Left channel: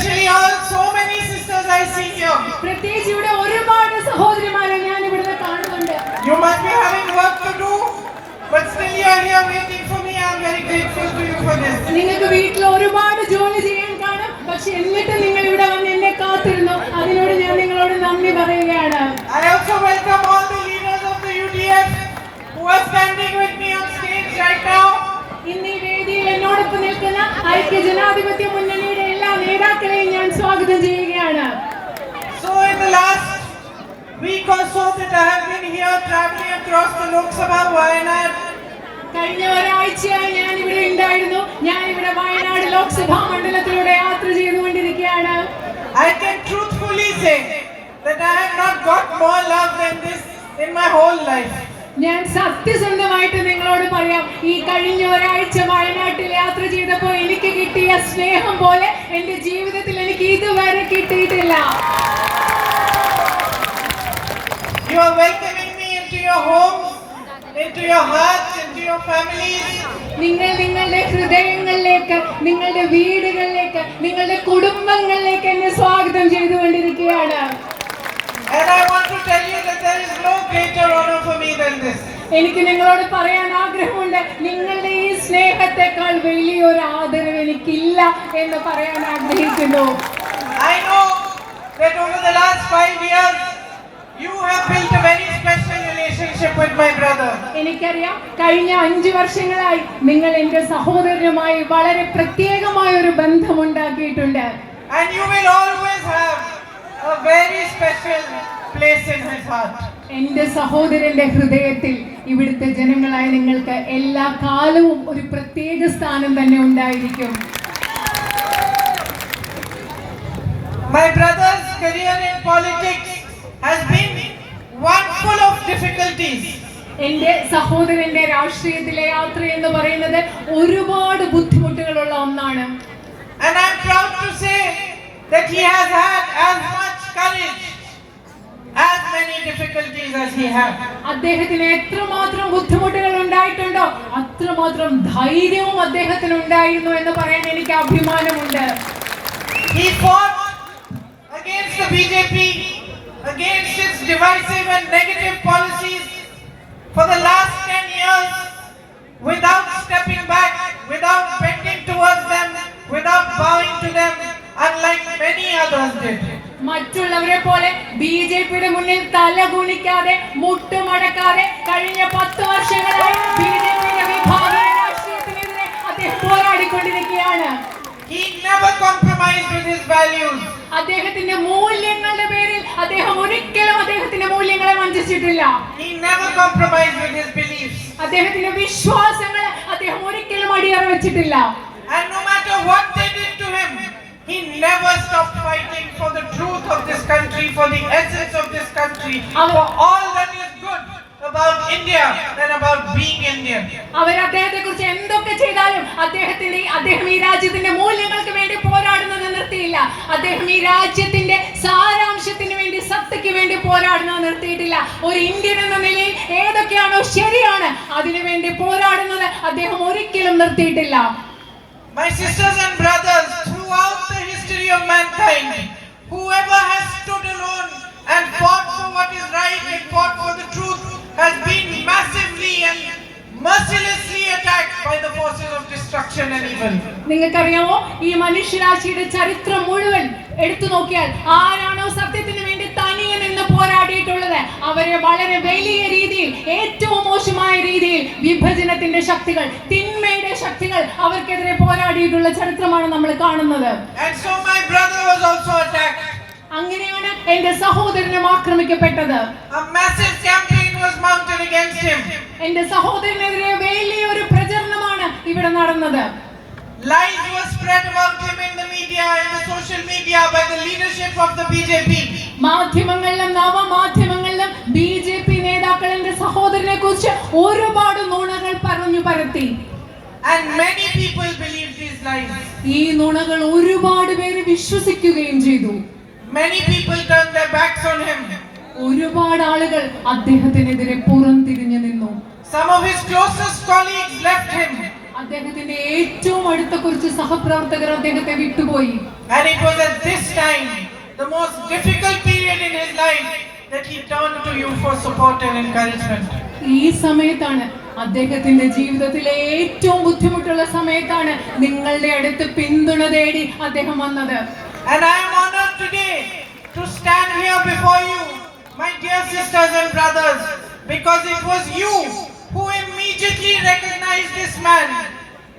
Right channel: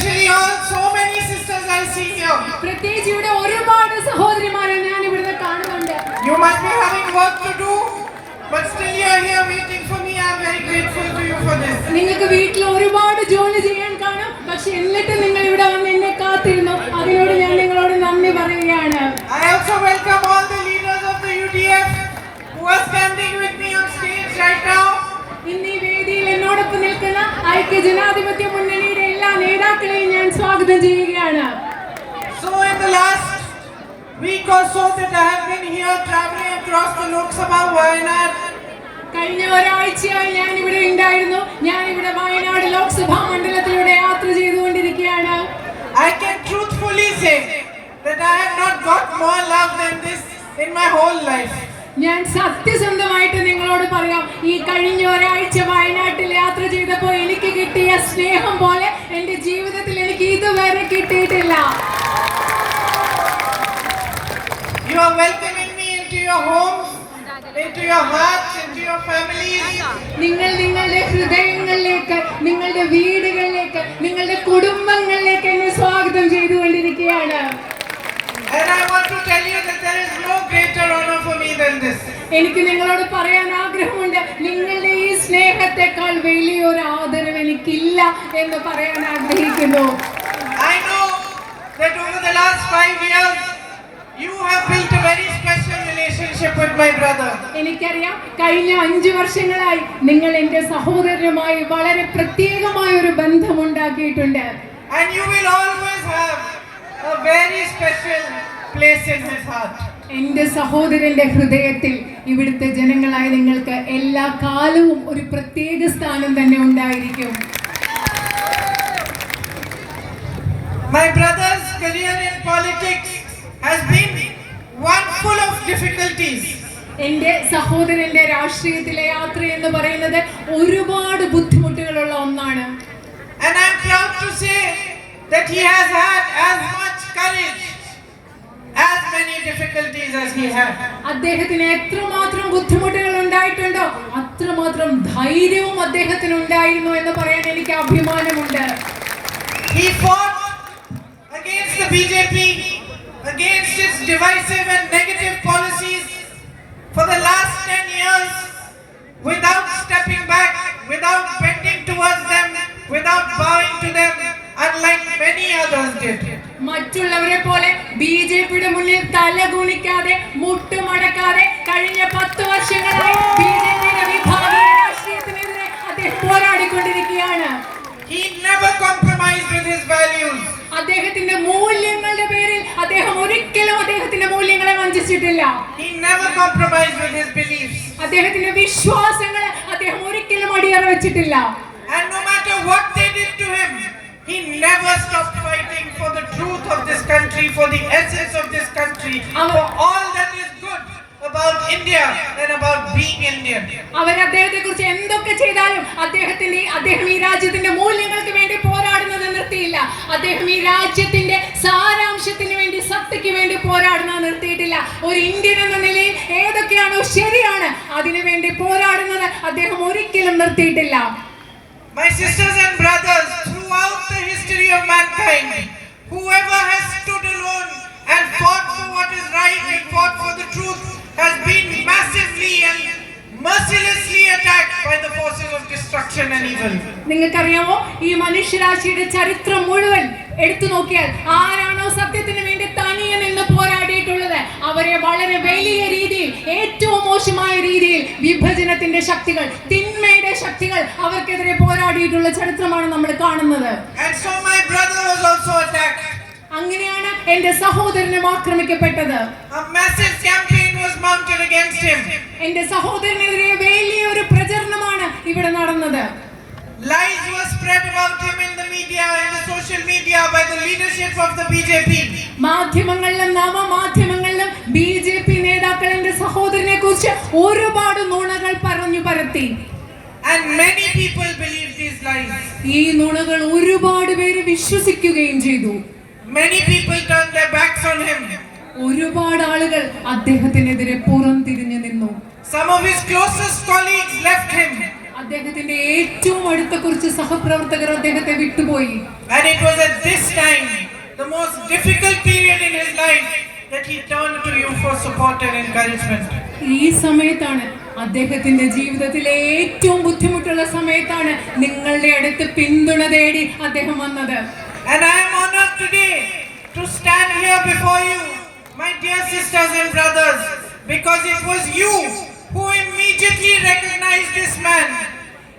especially all so many sisters I see here. പ്രത്യേകിച്ച് ഇവിടെ ഒരുപാട് സഹോദരിമാരെ ഞാൻ ഇവിടെ കാണുന്നുണ്ട്. You must be having work to do, but still you are here waiting for me. I am very grateful to you for this. നിങ്ങൾക്ക് വീട്ടിൽ ഒരുപാട് ജോലി ചെയ്യാൻ കാണും, പക്ഷെ എന്നിട്ട് നിങ്ങൾ ഇവിടെ വന്ന് എന്നെ കാത്തിരുന്നു. അതിനോട് ഞാൻ നിങ്ങളോട് നന്ദി പറയുകയാണ്. I also welcome all the leaders of the UDF who are standing with me on stage right now. ഇന്ന് ഈ വേദിയിൽ എന്നോടൊപ്പം നിൽക്കുന്ന ഐക്യജനാധിപത്യ മുന്നണിയുടെ എല്ലാ നേതാക്കളെയും ഞാൻ സ്വാഗതം ചെയ്യുകയാണ്. So in the last week or so that I have been here traveling across the Lok Sabha Wayanad. കഴിഞ്ഞ ഒരാഴ്ചയായി ഞാൻ ഇവിടെ ഉണ്ടായിരുന്നു. ഞാൻ ഇവിടെ വയനാട് ലോക്സഭാ മണ്ഡലത്തിലൂടെ യാത്ര ചെയ്തുകൊണ്ടിരിക്കുകയാണ്. I can truthfully say that I have not got more love than this in my whole life. ഞാൻ സത്യസന്ധമായിട്ട് നിങ്ങളോട് പറയാം, ഈ കഴിഞ്ഞ ഒരാഴ്ച വയനാട്ടിൽ യാത്ര ചെയ്തപ്പോൾ എനിക്ക് കിട്ടിയ സ്നേഹം പോലെ എന്റെ ജീവിതത്തിൽ എനിക്ക് ഇതുവരെ കിട്ടിയിട്ടില്ല. You are welcoming me into your homes, into your hearts, into your families. നിങ്ങൾ നിങ്ങളുടെ ഹൃദയങ്ങളിലേക്ക്, നിങ്ങളുടെ വീടുകളിലേക്ക്, നിങ്ങളുടെ കുടുംബങ്ങളിലേക്ക് എന്നെ സ്വാഗതം ചെയ്തുകൊണ്ടിരിക്കുകയാണ്. And I want to tell you that there is no greater honor for me than this. എനിക്ക് നിങ്ങളോട് പറയാൻ ആഗ്രഹമുണ്ട്, നിങ്ങളുടെ ഈ സ്നേഹത്തെക്കാൾ വലിയൊരു ആദരവ് എനിക്കില്ല എന്ന് പറയാൻ ആഗ്രഹിക്കുന്നു. I know that over the last 5 years you have built a very special relationship with my brother. എനിക്കറിയാം, കഴിഞ്ഞ 5 വർഷങ്ങളായി നിങ്ങൾ എന്റെ സഹോദരനുമായി വളരെ പ്രത്യേകമായ ഒരു ബന്ധം ഉണ്ടാക്കിയിട്ടുണ്ട്. And you will always have a very special place in his heart. എന്റെ സഹോദരന്റെ ഹൃദയത്തിൽ ഇവിടുത്തെ ജനങ്ങളായ നിങ്ങൾക്ക് എല്ലാ കാലവും ഒരു പ്രത്യേക സ്ഥാനം തന്നെ ഉണ്ടായിരിക്കും. My brother's career in politics has been one full of difficulties. എന്റെ സഹോദരന്റെ രാഷ്ട്രീയത്തിലെ യാത്ര എന്ന് പറയുന്നത് ഒരുപാട് ബുദ്ധിമുട്ടുകളുള്ള ഒന്നാണ്. And I am proud to say that he has had as much courage, as many difficulties as he had. അദ്ദേഹത്തിന് എത്രമാത്രം ബുദ്ധിമുട്ടുകൾ ഉണ്ടായിട്ടുണ്ടോ അത്രമാത്രം ധൈര്യവും അദ്ദേഹത്തിന് ഉണ്ടായിരുന്നു എന്ന് പറയാൻ എനിക്ക് അഭിമാനമുണ്ട്. He fought against the BJP, against its divisive and negative policies for the last 10 years without stepping back, without bending towards them, without bowing to them, unlike many others did. മറ്റുള്ളവരെ പോലെ ബിജെപിയുടെ മുന്നിൽ തല കുനിക്കാതെ മുട്ടുമടക്കാതെ കഴിഞ്ഞ 10 വർഷങ്ങളായി ബിജെപിയുടെ വിഭാഗീയ രാഷ്ട്രീയത്തിനെതിരെ അദ്ദേഹം പോരാടിക്കൊണ്ടിരിക്കുകയാണ്. He never compromised with his values. അദ്ദേഹത്തിന്റെ മൂല്യങ്ങളുടെ പേരിൽ അദ്ദേഹം ഒരിക്കലും അദ്ദേഹത്തിന്റെ മൂല്യങ്ങളെ വഞ്ചിച്ചിട്ടില്ല. He never compromised with his beliefs. അദ്ദേഹത്തിന്റെ വിശ്വാസങ്ങൾ അദ്ദേഹം ഒരിക്കലും അടിയറ വെച്ചിട്ടില്ല. And no matter what they did to him, he never stopped fighting for the truth of this country, for the essence of this country, for all that is good about India and about being Indian. അവർ അദ്ദേഹത്തെക്കുറിച്ച് എന്തൊക്കെ ചെയ്താലും അദ്ദേഹം ഈ രാജ്യത്തിന്റെ മൂല്യങ്ങൾക്ക് വേണ്ടി പോരാടുന്നത് നിർത്തിയില്ല. അദ്ദേഹം ഈ രാജ്യത്തിന്റെ സാരാംശത്തിന് വേണ്ടി, സത്തയ്ക്ക് വേണ്ടി പോരാടുന്നത് നിർത്തിയിട്ടില്ല. ഒരു ഇന്ത്യൻ എന്ന നിലയിൽ ഏതൊക്കെയാണോ ശരിയാണ് അതിനു വേണ്ടി പോരാടുന്നത് അദ്ദേഹം ഒരിക്കലും നിർത്തിയിട്ടില്ല. My sisters and brothers, throughout the history of mankind, whoever has stood alone and fought for what is right and fought for the truth has been massively and mercilessly attacked by the forces of destruction and evil. നിങ്ങൾക്കറിയാമോ, ഈ മനുഷ്യരാശിയുടെ ചരിത്രം മുഴുവൻ എടുത്തു നോക്കിയാൽ ആരാണോ സത്യത്തിന് വേണ്ടി തനിയെ നിന്ന് പോരാടിയിട്ടുള്ളത് അവരെ വളരെ വലിയ രീതിയിൽ, ഏറ്റവും മോശമായ രീതിയിൽ വിഭജനത്തിന്റെ ശക്തികൾ, തിന്മയുടെ ശക്തികൾ അവർക്കെതിരെ പോരാടിയിട്ടുള്ള ചരിത്രമാണ് നമ്മൾ കാണുന്നത്. And so my brother was also attacked. അങ്ങനെയാണ് എന്റെ സഹോദരനും ആക്രമിക്കപ്പെട്ടത്. A massive campaign was mounted against him. എന്റെ സഹോദരനെതിരെ വലിയൊരു പ്രചരണമാണ് ഇവിടെ നടന്നത്. Lies were spread about him in the media, in the social media by the leadership of the BJP. മാധ്യമങ്ങളിലും നവമാധ്യമങ്ങളിലും BJP നേതാക്കൾ എന്റെ സഹോദരനെ കുറിച്ച് ഒരുപാട് നുണകൾ പറഞ്ഞു പരത്തി. And many people believed these lies. ഈ നുണകൾ ഒരുപാട് പേര് വിശ്വസിക്കുകയും ചെയ്തു. Many people turned their backs on him. ഒരുപാട് ആളുകൾ അദ്ദേഹത്തിനെതിരെ പുറംതിരിഞ്ഞു നിന്നു. Some of his closest colleagues left him. അദ്ദേഹത്തിന്റെ ഏറ്റവും അടുത്ത കുറച്ച് സഹപ്രവർത്തകർ അദ്ദേഹത്തെ വിട്ടുപോയി. And it was at this time, the most difficult period in his life, that he turned to you for support and encouragement. ഈ സമയത്താണ്, അദ്ദേഹത്തിന്റെ ജീവിതത്തിലെ ഏറ്റവും ബുദ്ധിമുട്ടുള്ള സമയത്താണ് നിങ്ങളുടെ അടുത്ത് പിന്തുണ തേടി അദ്ദേഹം വന്നത്. And I am honored today to stand here before you, my dear sisters and brothers, because it was you who immediately recognized this man.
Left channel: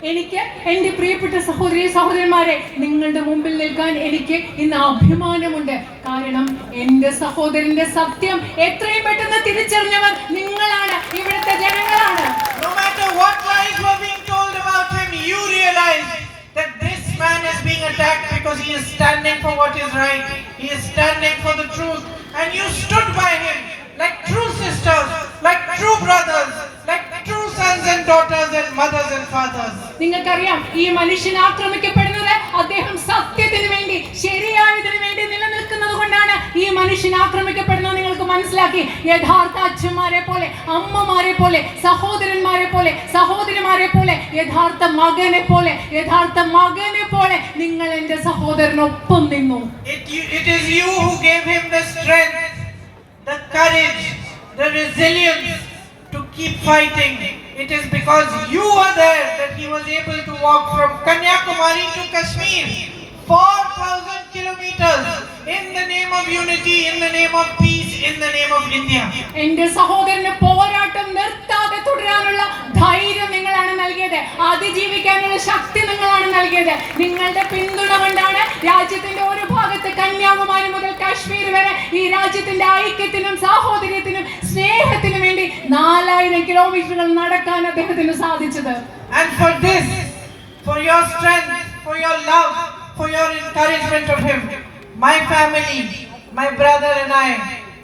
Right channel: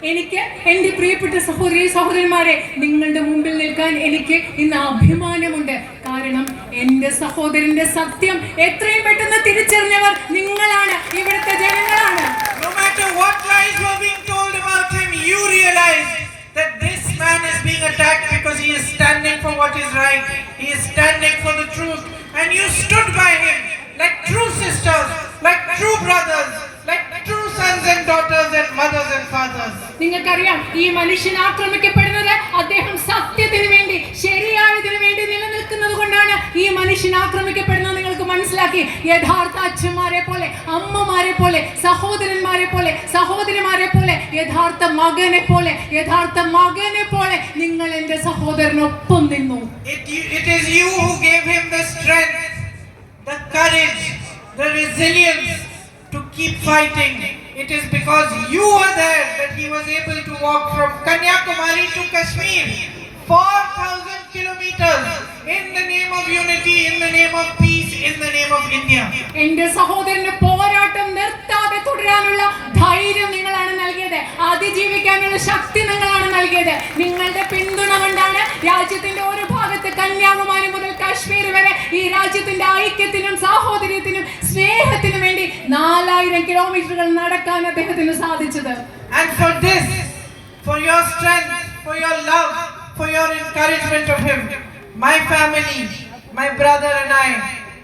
എനിക്ക് എന്റെ പ്രിയപ്പെട്ട സഹോദരി സഹോദരന്മാരെ, നിങ്ങളുടെ മുമ്പിൽ നിൽക്കാൻ എനിക്ക് ഇന്ന് അഭിമാനമുണ്ട്. കാരണം എന്റെ സഹോദരന്റെ സത്യം എത്രയും പെട്ടെന്ന് തിരിച്ചറിഞ്ഞവർ നിങ്ങളാണ്, ഇവിടുത്തെ ജനങ്ങളാണ്. No matter what lies were being told about him, you realized that this man is being attacked because he is standing for what is right. He is standing for the truth, and you stood by him like true sisters, like true brothers, like true sons and daughters and mothers and fathers. നിങ്ങൾക്കറിയാം, ഈ മനുഷ്യൻ ആക്രമിക്കപ്പെടുന്നത് അദ്ദേഹം സത്യത്തിന് വേണ്ടി, ശരിയായതിനു വേണ്ടി നിലനിൽക്കുന്നത് കൊണ്ടാണ് ഈ മനുഷ്യൻ ആക്രമിക്കപ്പെടുന്നത്. നിങ്ങൾക്ക് മനസ്സിലാക്കി, യഥാർത്ഥ അച്ഛന്മാരെ പോലെ, അമ്മമാരെ പോലെ, സഹോദരന്മാരെ പോലെ, സഹോദരിമാരെ പോലെ, യഥാർത്ഥ മകനെ പോലെ, യഥാർത്ഥ മകനെ പോലെ നിങ്ങൾ എന്റെ സഹോദരനൊപ്പം നിന്നു. It is you who gave him the strength, the courage, the resilience to keep fighting. It is because you were there that he was able to walk from Kanyakumari to Kashmir, 4,000 kilometers, in the name of unity, in the name of peace, in the name of India. എന്റെ സഹോദരന് പോരാട്ടം നിർത്താതെ തുടരാനുള്ള ധൈര്യം നിങ്ങളാണ് നൽകിയത്, അതിജീവിക്കാനുള്ള ശക്തി നിങ്ങളാണ് നൽകിയത്. നിങ്ങളുടെ പിന്തുണ കൊണ്ടാണ് രാജ്യത്തിന്റെ ഓരോ ഭാഗത്ത്, കന്യാകുമാരി മുതൽ കാശ്മീർ വരെ, ഈ രാജ്യത്തിന്റെ ഐക്യത്തിനും സാഹോദര്യത്തിനും സ്നേഹത്തിനും വേണ്ടി 4000 കിലോമീറ്ററുകൾ നടക്കാൻ അദ്ദേഹത്തിന് സാധിച്ചത്. And for this, for your strength, for your love, for your encouragement of him, my family, my brother and I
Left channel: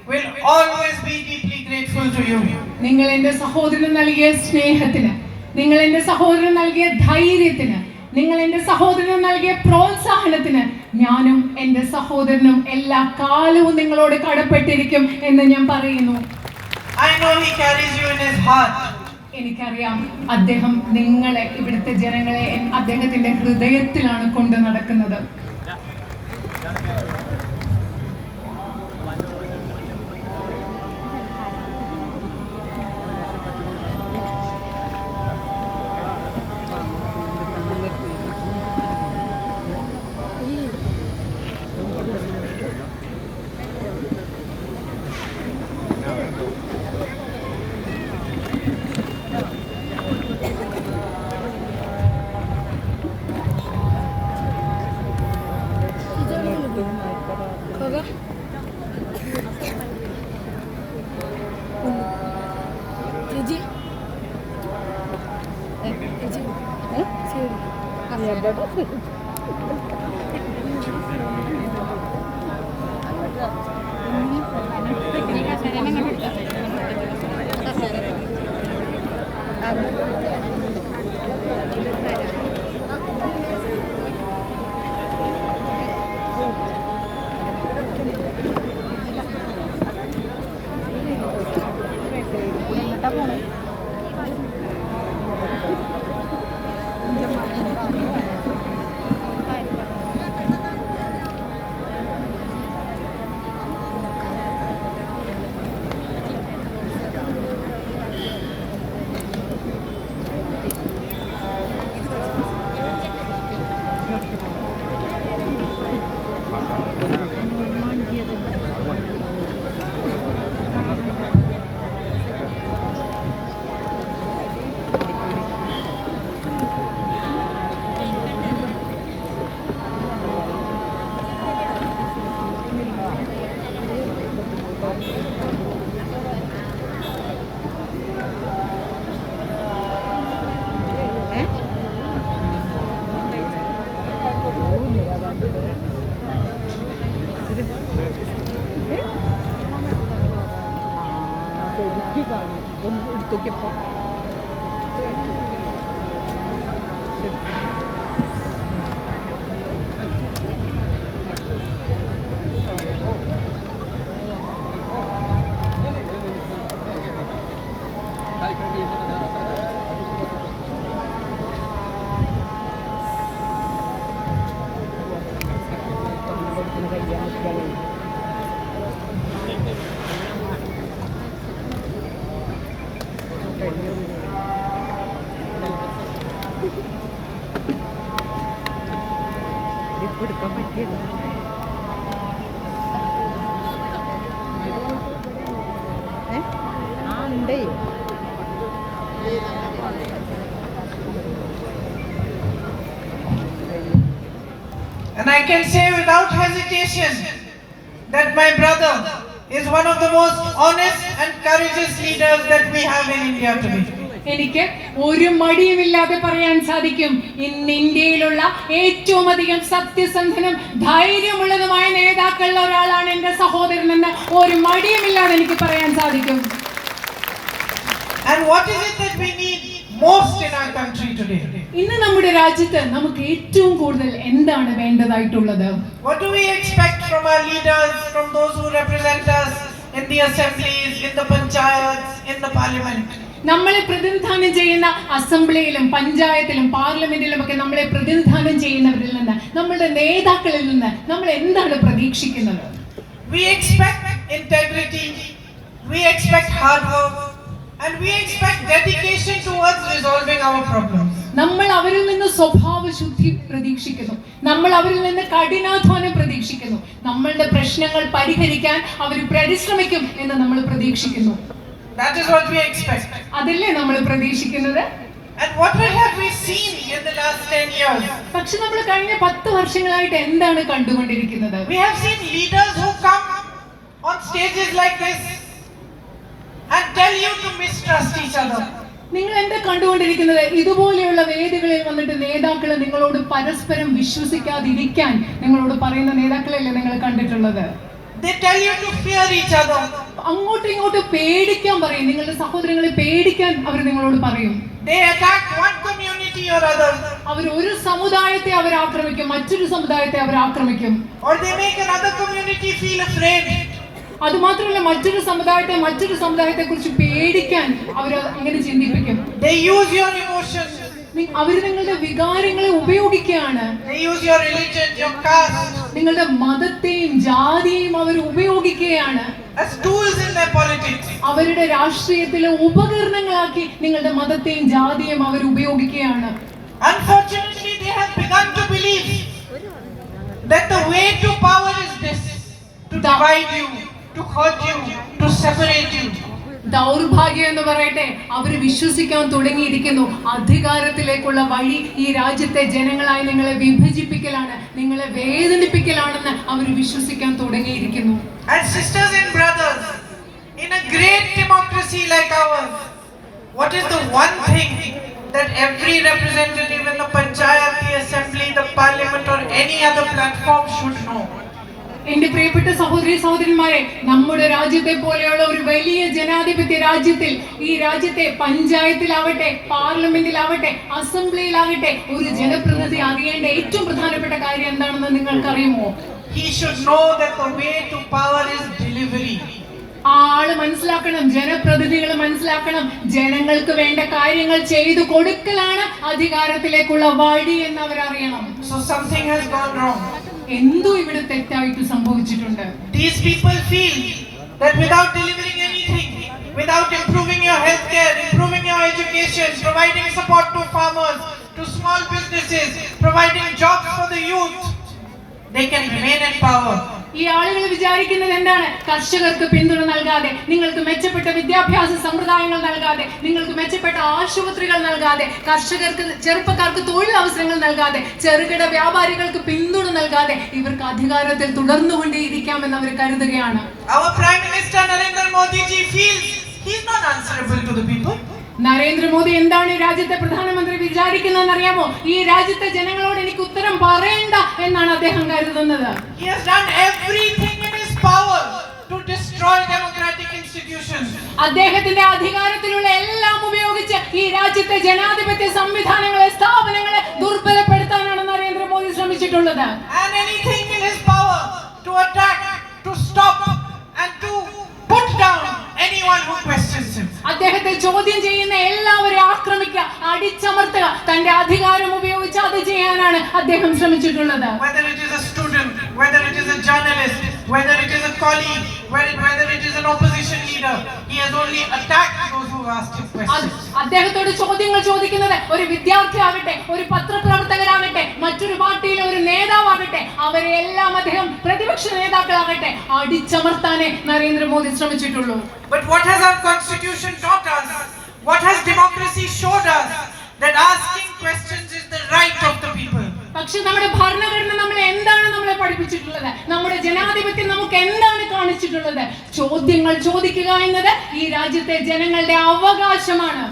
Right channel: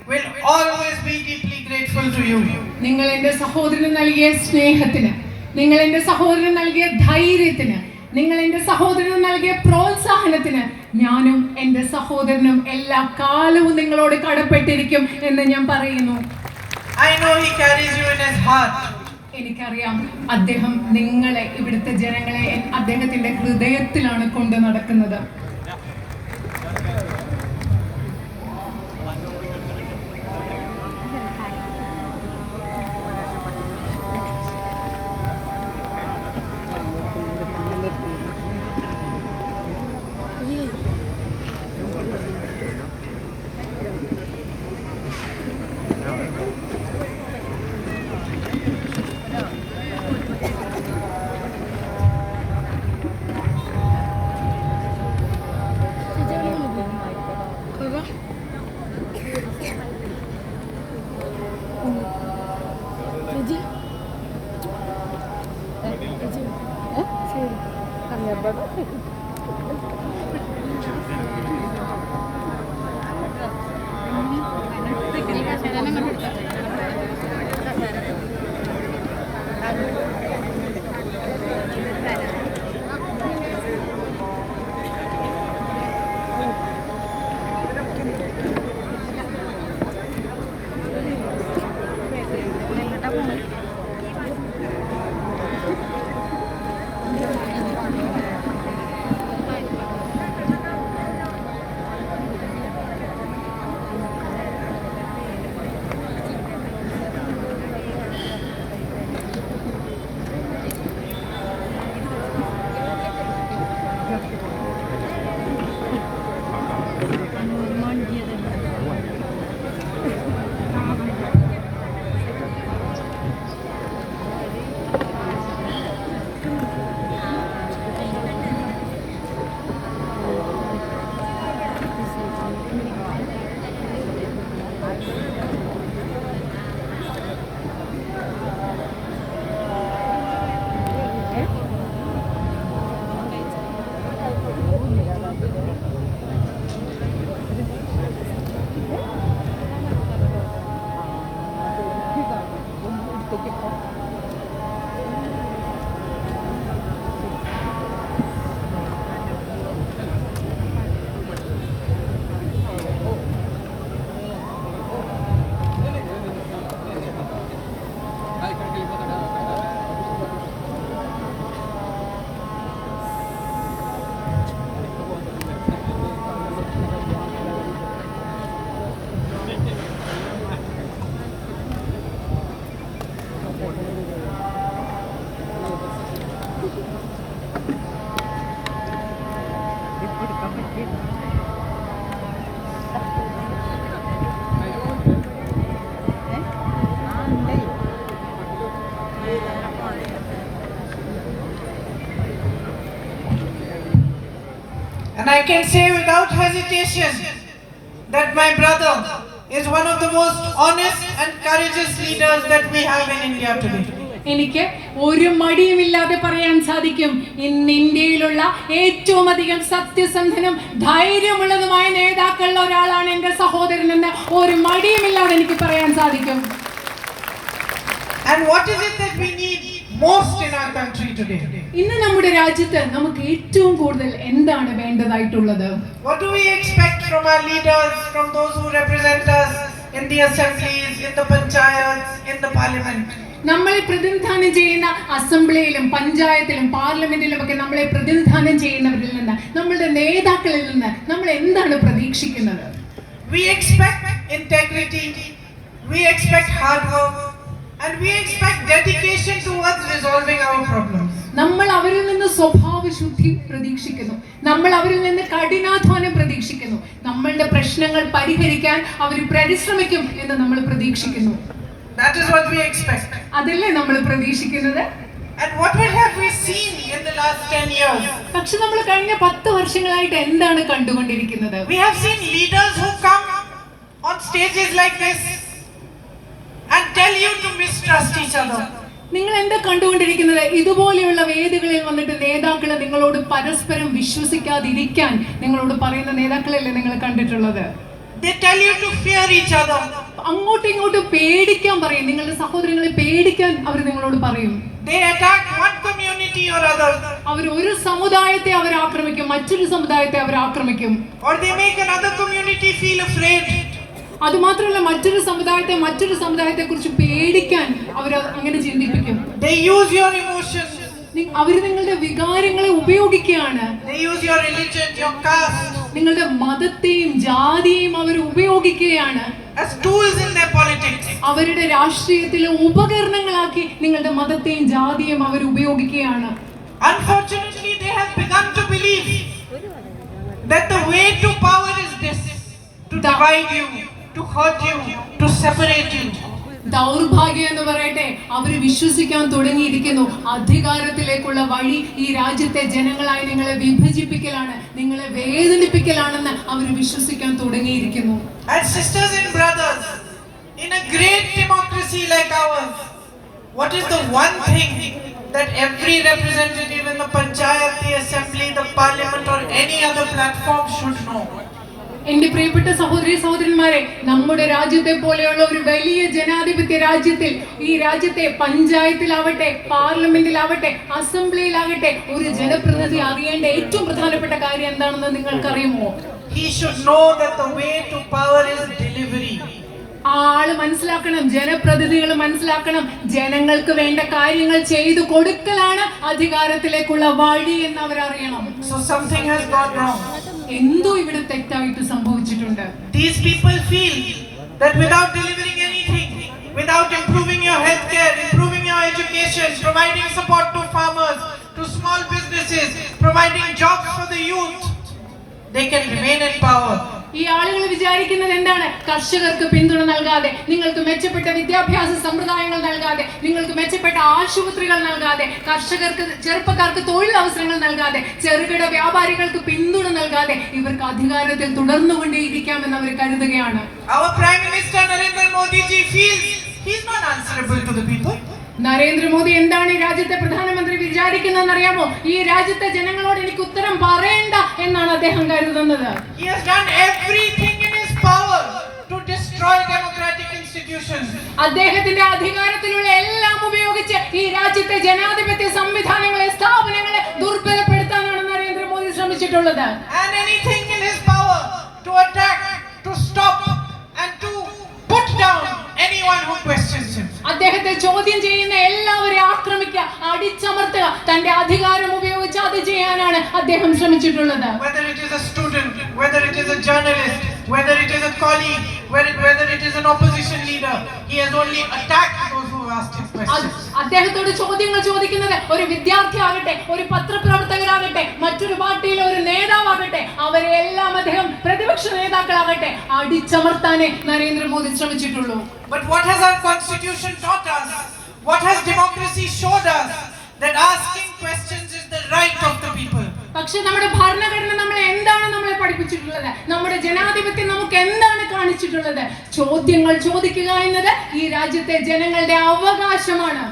will always be deeply grateful to you. നിങ്ങൾ എന്റെ സഹോദരന് നൽകിയ സ്നേഹത്തിന്, നിങ്ങൾ എന്റെ സഹോദരന് നൽകിയ ധൈര്യത്തിന്, നിങ്ങൾ എന്റെ സഹോദരന് നൽകിയ പ്രോത്സാഹനത്തിന് ഞാനും എന്റെ സഹോദരനും എല്ലാ കാലവും നിങ്ങളോട് കടപ്പെട്ടിരിക്കും എന്ന് ഞാൻ പറയുന്നു. I know he carries you in his heart. എനിക്കറിയാം, അദ്ദേഹം നിങ്ങളെ, ഇവിടുത്തെ ജനങ്ങളെ അദ്ദേഹത്തിന്റെ ഹൃദയത്തിലാണ് കൊണ്ട് നടക്കുന്നത്. I can say without hesitation that my brother is one of the most honest and courageous leaders that we have in India today. എനിക്ക് ഒരു മടിയുമില്ലാതെ പറയാൻ സാധിക്കും, ഇന്ന് ഇന്ത്യയിലുള്ള ഏറ്റവും അധികം സത്യസന്ധനും ധൈര്യമുള്ളതുമായ നേതാക്കളുള്ള ഒരാളാണ് എന്റെ സഹോദരൻ എന്ന് ഒരു മടിയുമില്ലാതെ എനിക്ക് പറയാൻ സാധിക്കും. And what is it that we need most in our country today? ഇന്ന് നമ്മുടെ രാജ്യത്ത് നമുക്ക് ഏറ്റവും കൂടുതൽ എന്താണ് വേണ്ടതായിട്ടുള്ളത്? What do we expect from our leaders, from those who represent us in the assemblies, in the panchayats, in the parliament? നമ്മളെ പ്രതിനിധാനം ചെയ്യുന്ന അസംബ്ലിയിലും പഞ്ചായത്തിലും പാർലമെന്റിലും ഒക്കെ നമ്മളെ പ്രതിനിധാനം ചെയ്യുന്നവരിൽ നിന്ന്, നമ്മളുടെ നേതാക്കളിൽ നിന്ന് നമ്മൾ എന്താണ് പ്രതീക്ഷിക്കുന്നത്? We expect integrity, we expect hard work, and we expect dedication towards resolving our problems. നമ്മൾ അവരിൽ നിന്ന് സ്വഭാവശുദ്ധി പ്രതീക്ഷിക്കുന്നു, നമ്മൾ അവരിൽ നിന്ന് കഠിനാധ്വാനം പ്രതീക്ഷിക്കുന്നു, നമ്മളുടെ പ്രശ്നങ്ങൾ പരിഹരിക്കാൻ അവർ പരിശ്രമിക്കും എന്ന് നമ്മൾ പ്രതീക്ഷിക്കുന്നു. That is what we expect. അതല്ലേ നമ്മൾ പ്രതീക്ഷിക്കുന്നത്? And what have we seen in the last 10 years? പക്ഷെ നമ്മൾ കഴിഞ്ഞ 10 വർഷങ്ങളായിട്ട് എന്താണ് കണ്ടുകൊണ്ടിരിക്കുന്നത്? We have seen leaders who come on stages like this and tell you to mistrust each other. നിങ്ങൾ എന്താ കണ്ടുകൊണ്ടിരിക്കുന്നത്? ഇതുപോലെയുള്ള വേദികളിൽ വന്നിട്ട് നേതാക്കൾ നിങ്ങളോട് പരസ്പരം വിശ്വസിക്കാതിരിക്കാൻ നിങ്ങളോട് പറയുന്ന നേതാക്കളല്ലേ നിങ്ങൾ കണ്ടിട്ടുള്ളത്? They tell you to fear each other. അങ്ങോട്ടും ഇങ്ങോട്ടും പേടിക്കാൻ പറയും, നിങ്ങളുടെ സഹോദരങ്ങളെ പേടിക്കാൻ അവർ നിങ്ങളോട് പറയും. They attack one community or other. അവർ ഒരു സമുദായത്തെ അവർ ആക്രമിക്കും, മറ്റൊരു സമുദായത്തെ അവർ ആക്രമിക്കും. Or they make another community feel afraid. അത് മാത്രമല്ല, മറ്റൊരു സമുദായത്തെ കുറിച്ച് പേടിക്കാൻ അവർ അങ്ങനെ ചിന്തിപ്പിക്കും. They use your emotions. അവർ നിങ്ങളുടെ വികാരങ്ങളെ ഉപയോഗിക്കുകയാണ്. They use your religion, your caste. നിങ്ങളുടെ മതത്തെയും ജാതിയെയും അവർ ഉപയോഗിക്കുകയാണ് as tools in their politics. അവരുടെ രാഷ്ട്രീയത്തിലെ ഉപകരണങ്ങളാക്കി നിങ്ങളുടെ മതത്തെയും ജാതിയെയും അവർ ഉപയോഗിക്കുകയാണ്. Unfortunately, they have begun to believe that the way to power is this: to divide you, to hurt you, to separate you. ദൗർഭാഗ്യം എന്ന് പറയട്ടെ, അവർ വിശ്വസിക്കാൻ തുടങ്ങിയിരിക്കുന്നു അധികാരത്തിലേക്കുള്ള വഴി ഈ രാജ്യത്തെ ജനങ്ങളായി നിങ്ങളെ വിഭജിപ്പിക്കലാണ്, നിങ്ങളെ വേദനിപ്പിക്കലാണെന്ന് അവർ വിശ്വസിക്കാൻ തുടങ്ങിയിരിക്കുന്നു. And sisters and brothers, in a great democracy like ours, what is the one thing that every representative in the panchayat, the assembly, the parliament or any other platform should know? എന്റെ പ്രിയപ്പെട്ട സഹോദരന്മാരെ, നമ്മുടെ രാജ്യത്തെ പോലെയുള്ള ഒരു വലിയ ജനാധിപത്യ രാജ്യത്തിൽ, ഈ രാജ്യത്തെ പഞ്ചായത്തിലാവട്ടെ, പാർലമെന്റിലാവട്ടെ, അസംബ്ലിയിലാവട്ടെ, ഒരു ജനപ്രതിനിധി അറിയേണ്ട ഏറ്റവും പ്രധാനപ്പെട്ട കാര്യം എന്താണെന്ന് നിങ്ങൾക്കറിയുമോ? He should know that the way to power is delivery. ആള് മനസ്സിലാക്കണം, ജനപ്രതിനിധികൾ മനസ്സിലാക്കണം, ജനങ്ങൾക്ക് വേണ്ട കാര്യങ്ങൾ ചെയ്തു കൊടുക്കലാണ് അധികാരത്തിലേക്കുള്ള വഴി എന്ന് അവരറിയണം. So something has gone wrong. എന്തോ ഇവിടെ തെറ്റായിട്ട് സംഭവിച്ചിട്ടുണ്ട്. These people feel that without delivering anything, without improving your healthcare, improving your education, providing support to farmers, to small businesses, providing jobs for the youth, they can remain in power. ഈ ആളുകൾ വിചാരിക്കുന്നത് എന്താണ്? കർഷകർക്ക് പിന്തുണ നൽകാതെ, നിങ്ങൾക്ക് മെച്ചപ്പെട്ട വിദ്യാഭ്യാസ സമ്പ്രദായങ്ങൾ നൽകാതെ, നിങ്ങൾക്ക് മെച്ചപ്പെട്ട ആശുപത്രികൾ നൽകാതെ, ചെറുപ്പക്കാർക്ക് തൊഴിലവസരങ്ങൾ നൽകാതെ, ചെറുകിട വ്യാപാരികൾക്ക് പിന്തുണ നൽകാതെ ഇവർക്ക് അധികാരത്തിൽ തുടർന്നുകൊണ്ടേയിരിക്കാമെന്ന് അവർ കരുതുകയാണ്. Our Prime Minister Nilambur Modi ji feels he is not answerable to the people. Narendra Modi എന്താണ് ഈ രാജ്യത്തെ പ്രധാനമന്ത്രി വിചാരിക്കുന്നതെന്ന് അറിയാമോ? ഈ രാജ്യത്തെ ജനങ്ങളോട് എനിക്ക് ഉത്തരം പറയേണ്ട എന്നാണ് അദ്ദേഹം കരുതുന്നത്. He has done everything in his power to destroy democratic institutions. അദ്ദേഹത്തിന്റെ അധികാരത്തിലുള്ള എല്ലാം ഉപയോഗിച്ച് ഈ രാജ്യത്തെ ജനാധിപത്യ സംവിധാനങ്ങളെ, സ്ഥാപനങ്ങളെ ദുർബലപ്പെടുത്താനാണ് Narendra Modi ശ്രമിച്ചിട്ടുള്ളത്. And anything in his power to attack, to stop and to put down anyone who questions him. അദ്ദേഹത്തെ ചോദ്യം ചെയ്യുന്ന എല്ലാവരെയും ആക്രമിക്കുക, അടിച്ചമർത്തുക, തന്റെ അധികാരം ഉപയോഗിച്ച് അത് ചെയ്യാനാണ് അദ്ദേഹം ശ്രമിച്ചിട്ടുള്ളത്. Whether it is a student, whether it is a journalist, whether it is a colleague, whether it is an opposition leader, he has only attacked those who asked him questions. അദ്ദേഹത്തോട് ചോദ്യങ്ങൾ ചോദിക്കുന്നത് ഒരു വിദ്യാർത്ഥിയാകട്ടെ, ഒരു പത്രപ്രവർത്തകരാകട്ടെ, മറ്റൊരു പാർട്ടിയിലെ ഒരു നേതാവാകട്ടെ, അവരെ എല്ലാം അദ്ദേഹം പ്രതിപക്ഷ നേതാക്കളാകട്ടെ അടിച്ചമർത്താനേ Narendra Modi ശ്രമിച്ചിട്ടുള്ളൂ. But what has our constitution taught us? What has democracy showed us? That asking questions is the right of the people. പക്ഷെ നമ്മുടെ ഭരണഘടന നമ്മളെ എന്താണ് നമ്മളെ പഠിപ്പിച്ചിട്ടുള്ളത്? നമ്മുടെ ജനാധിപത്യം നമുക്ക് എന്താണ് കാണിച്ചിട്ടുള്ളത്? ചോദ്യങ്ങൾ ചോദിക്കുക എന്നത് ഈ രാജ്യത്തെ ജനങ്ങളുടെ അവകാശമാണ്.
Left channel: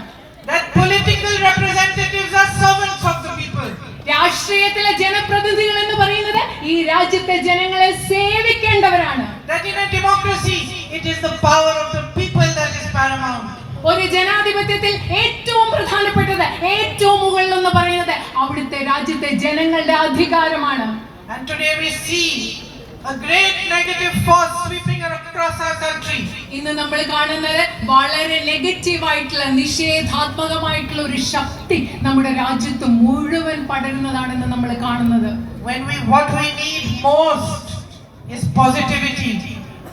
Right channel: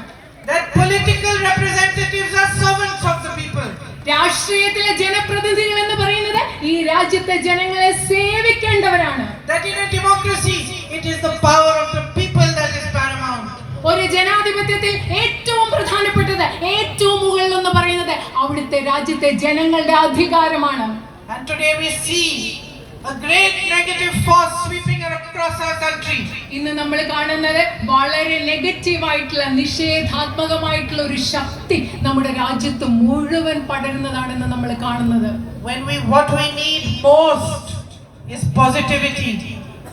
That political representatives are servants of the people. രാഷ്ട്രീയത്തിലെ ജനപ്രതിനിധികൾ എന്ന് പറയുന്നത് ഈ രാജ്യത്തെ ജനങ്ങളെ സേവിക്കേണ്ടവരാണ്. That in a democracy it is the power of the people that is paramount. ഒരു ജനാധിപത്യത്തിൽ ഏറ്റവും പ്രധാനപ്പെട്ടത്, ഏറ്റവും മുകളിൽ എന്ന് പറയുന്നത് അവിടുത്തെ രാജ്യത്തെ ജനങ്ങളുടെ അധികാരമാണ്. And today we see a great negative force sweeping across our country. ഇന്ന് നമ്മൾ കാണുന്നത് വളരെ നെഗറ്റീവ് ആയിട്ടുള്ള, നിഷേധാത്മകമായിട്ടുള്ള ഒരു ശക്തി നമ്മുടെ രാജ്യത്ത് മുഴുവൻ പടരുന്നതാണെന്ന് നമ്മൾ കാണുന്നത്. What we need most is positivity.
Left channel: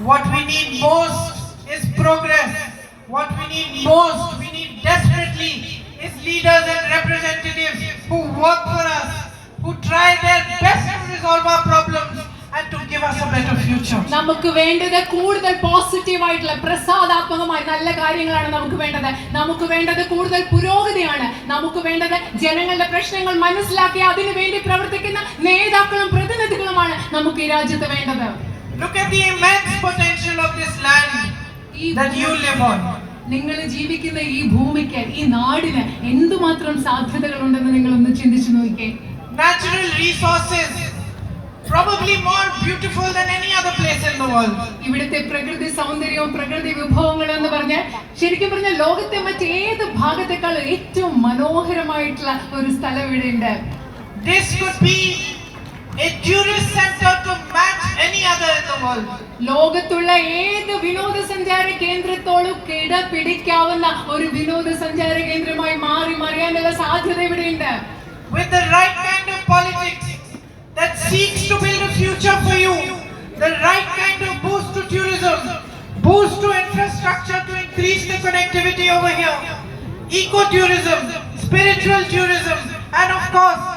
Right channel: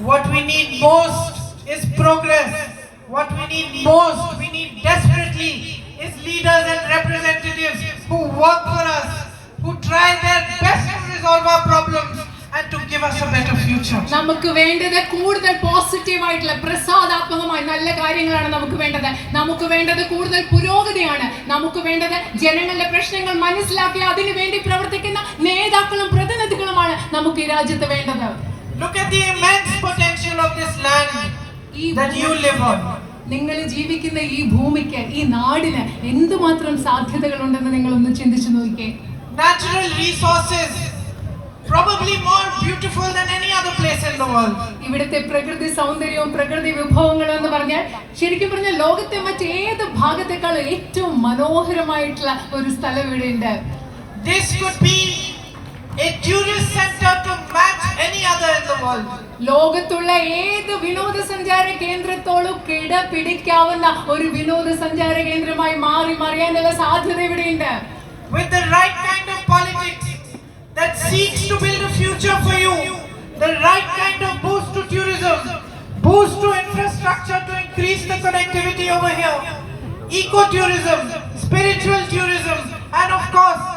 What we need most is progress. What we need most, we need desperately, is leaders and representatives who work for us, who try their best to resolve our problems and to give us a better future. നമുക്ക് വേണ്ടത് കൂടുതൽ positive ആയിട്ടുള്ള, പ്രസാദാത്മകമായ നല്ല കാര്യങ്ങളാണ് നമുക്ക് വേണ്ടത്. നമുക്ക് വേണ്ടത് കൂടുതൽ പുരോഗതിയാണ്. നമുക്ക് വേണ്ടത് ജനങ്ങളുടെ പ്രശ്നങ്ങൾ മനസ്സിലാക്കി അതിനു വേണ്ടി പ്രവർത്തിക്കുന്ന നേതാക്കളും പ്രതിനിധികളുമാണ് നമുക്ക് ഈ രാജ്യത്ത് വേണ്ടത്. Look at the immense potential of this land that you live on. നിങ്ങൾ ജീവിക്കുന്ന ഈ ഭൂമിക്ക്, ഈ നാടിന് എന്തുമാത്രം സാധ്യതകളുണ്ടെന്ന് നിങ്ങൾ ഒന്ന് ചിന്തിച്ചു നോക്കിക്കേ. Natural resources probably more beautiful than any other place in the world. ഇവിടുത്തെ പ്രകൃതി സൗന്ദര്യവും പ്രകൃതി വിഭവങ്ങളും എന്ന് പറഞ്ഞാൽ ശരിക്കും പറഞ്ഞാൽ ലോകത്തെ മറ്റേത് ഭാഗത്തെക്കാളും ഏറ്റവും മനോഹരമായിട്ടുള്ള ഒരു സ്ഥലം ഇവിടെയുണ്ട്. This could be a tourist center to match any other in the world. ലോകത്തുള്ള ഏത് വിനോദസഞ്ചാര കേന്ദ്രത്തോളം കിടപിടിക്കാവുന്ന ഒരു വിനോദസഞ്ചാര കേന്ദ്രമായി മാറി മറിയാനുള്ള സാധ്യത ഇവിടെയുണ്ട്. With the right kind of politics that seeks to build a future for you, the right kind of boost to tourism, boost to infrastructure to increase the connectivity over here, eco-tourism, spiritual tourism, and of course,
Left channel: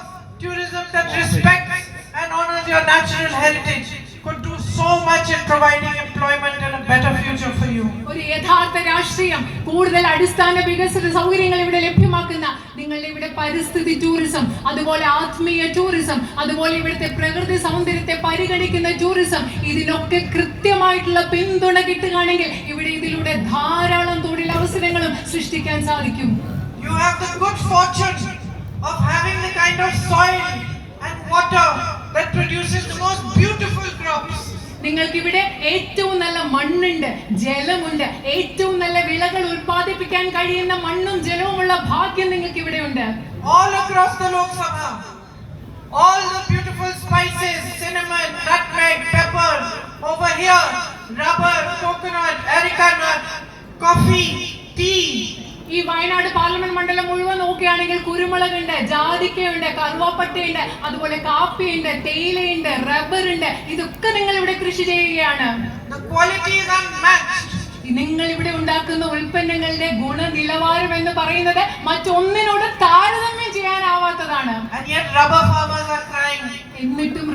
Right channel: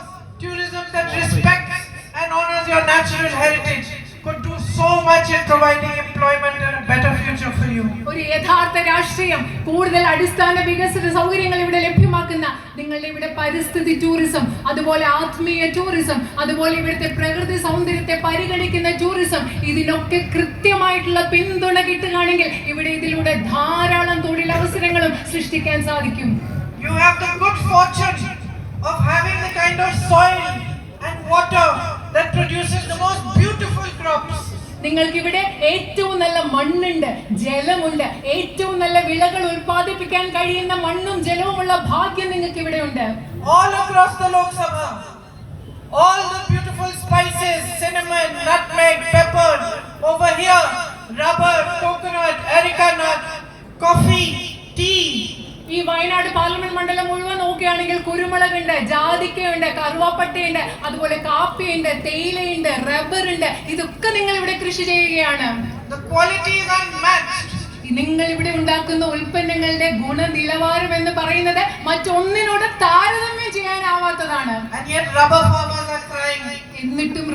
tourism that respects and honors your natural heritage could do so much in providing employment and a better future for you. ഒരു യഥാർത്ഥ രാഷ്ട്രീയം കൂടുതൽ അടിസ്ഥാന വികസന സൗകര്യങ്ങൾ ഇവിടെ ലഭ്യമാക്കുന്ന, നിങ്ങളുടെ ഇവിടെ പരിസ്ഥിതി ടൂറിസം, അതുപോലെ ആത്മീയ ടൂറിസം, അതുപോലെ ഇവിടുത്തെ പ്രകൃതി സൗന്ദര്യത്തെ പരിഗണിക്കുന്ന ടൂറിസം, ഇതിനൊക്കെ കൃത്യമായിട്ടുള്ള പിന്തുണ കിട്ടുകയാണെങ്കിൽ ഇവിടെ ഇതിലൂടെ ധാരാളം തൊഴിലവസരങ്ങളും സൃഷ്ടിക്കാൻ സാധിക്കും. You have the good fortune of having the kind of soil and water that produces the most beautiful crops. നിങ്ങൾക്ക് ഇവിടെ ഏറ്റവും നല്ല മണ്ണുണ്ട്, ജലമുണ്ട്, ഏറ്റവും നല്ല വിളകൾ ഉൽപ്പാദിപ്പിക്കാൻ കഴിയുന്ന മണ്ണും ജലവുമുള്ള ഭാഗ്യം നിങ്ങൾക്ക് ഇവിടെയുണ്ട്. All across the Lok Sabha, all the beautiful spices, cinnamon, nutmeg, pepper, over here, rubber, coconut, areca nut, coffee, tea. ഈ വയനാട് പാർലമെന്റ് മണ്ഡലം മുഴുവൻ നോക്കുകയാണെങ്കിൽ കുരുമുളകുണ്ട്, ജാതിക്കയുണ്ട്, കറുവാപ്പട്ടയുണ്ട്, അതുപോലെ കാപ്പിയുണ്ട്, തേയിലയുണ്ട്, റബ്ബറുണ്ട്. ഇതൊക്കെ നിങ്ങൾ ഇവിടെ കൃഷി ചെയ്യുകയാണ്. The quality is unmatched. നിങ്ങൾ ഇവിടെ ഉണ്ടാക്കുന്ന ഉൽപ്പന്നങ്ങളുടെ ഗുണനിലവാരം എന്ന് പറയുന്നത് മറ്റൊന്നിനോട് താരതമ്യം ചെയ്യാനാവാത്തതാണ്. And yet rubber farmers are crying. എന്നിട്ടും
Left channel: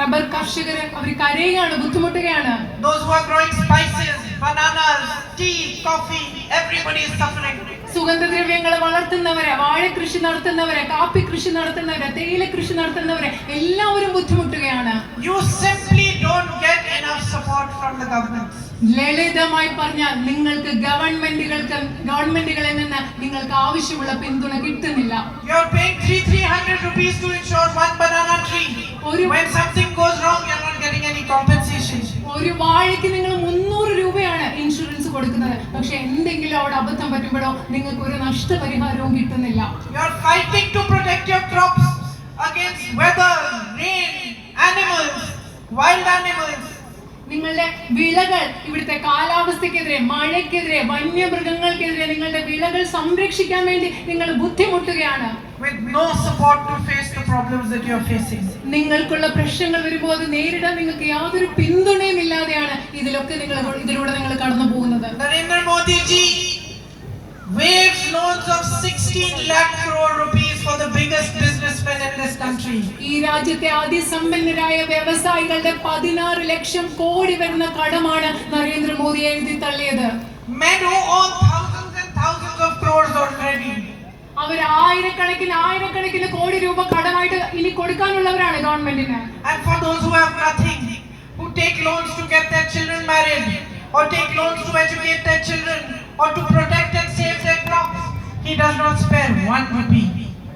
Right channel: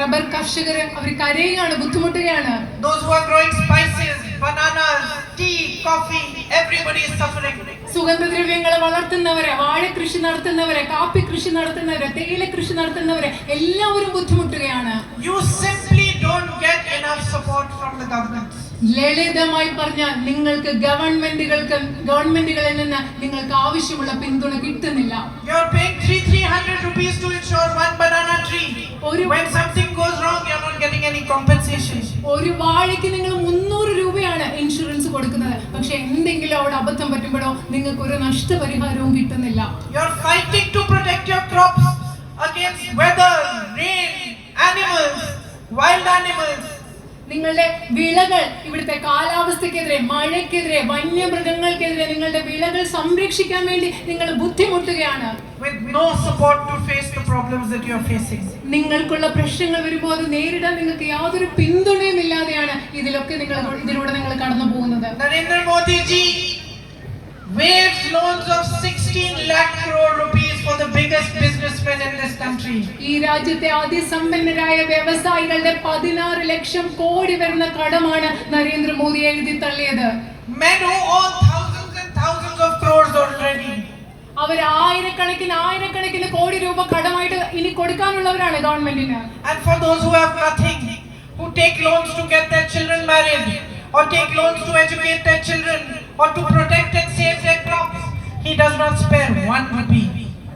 റബ്ബർ കർഷകർ അവർ കരയുകയാണ്, ബുദ്ധിമുട്ടുകയാണ്. Those who are growing spices, bananas, tea, coffee, everybody is suffering. സുഗന്ധദ്രവ്യങ്ങൾ വളർത്തുന്നവരെ, വാഴ കൃഷി നടത്തുന്നവരെ, കാപ്പി കൃഷി നടത്തുന്നവരെ, തേയില കൃഷി നടത്തുന്നവരെ എല്ലാവരും ബുദ്ധിമുട്ടുകയാണ്. You simply don't get enough support from the government. ലളിതമായി പറഞ്ഞാൽ നിങ്ങൾക്ക് ഗവൺമെന്റുകളിൽ നിന്ന് നിങ്ങൾക്ക് ആവശ്യമുള്ള പിന്തുണ കിട്ടുന്നില്ല. You are paying 300 rupees to insure one banana tree. When something goes wrong, you are not getting any compensation. ഒരു വാഴയ്ക്ക് നിങ്ങൾ 300 രൂപയാണ് ഇൻഷുറൻസ് കൊടുക്കുന്നത്. പക്ഷെ എന്തെങ്കിലും അവിടെ അബദ്ധം പറ്റുമ്പോഴോ നിങ്ങൾക്ക് ഒരു നഷ്ടപരിഹാരവും കിട്ടുന്നില്ല. You are fighting to protect your crops against weather, rain, animals, wild animals. നിങ്ങളുടെ വിളകൾ ഇവിടുത്തെ കാലാവസ്ഥക്കെതിരെ, മഴയ്ക്കെതിരെ, വന്യമൃഗങ്ങൾക്കെതിരെ നിങ്ങളുടെ വിളകൾ സംരക്ഷിക്കാൻ വേണ്ടി നിങ്ങൾ ബുദ്ധിമുട്ടുകയാണ്. With no support to face the problems that you are facing. നിങ്ങൾക്കുള്ള പ്രശ്നങ്ങൾ വരുമ്പോൾ അത് നേരിടാൻ നിങ്ങൾക്ക് യാതൊരു പിന്തുണയും ഇല്ലാതെയാണ് ഇതിലൂടെ നിങ്ങൾ കടന്നു പോകുന്നത്. Narendra Modi ji waived loans of 16 lakh crore rupees for the biggest businessmen in this country. ഈ രാജ്യത്തെ അതിസമ്പന്നരായ വ്യവസായികളുടെ 16 ലക്ഷം കോടി വരുന്ന കടമാണ് നരേന്ദ്രമോദി എഴുതി തള്ളിയത്. Men who own thousands and thousands of crores already. അവർ ആയിരക്കണക്കിന് കോടി രൂപ കടമായിട്ട് ഇനി കൊടുക്കാനുള്ളവരാണ് ഗവൺമെന്റിന്. And for those who have nothing, who take loans to get their children married, or take loans to educate their children, or to protect and save their crops, he does not spare one rupee.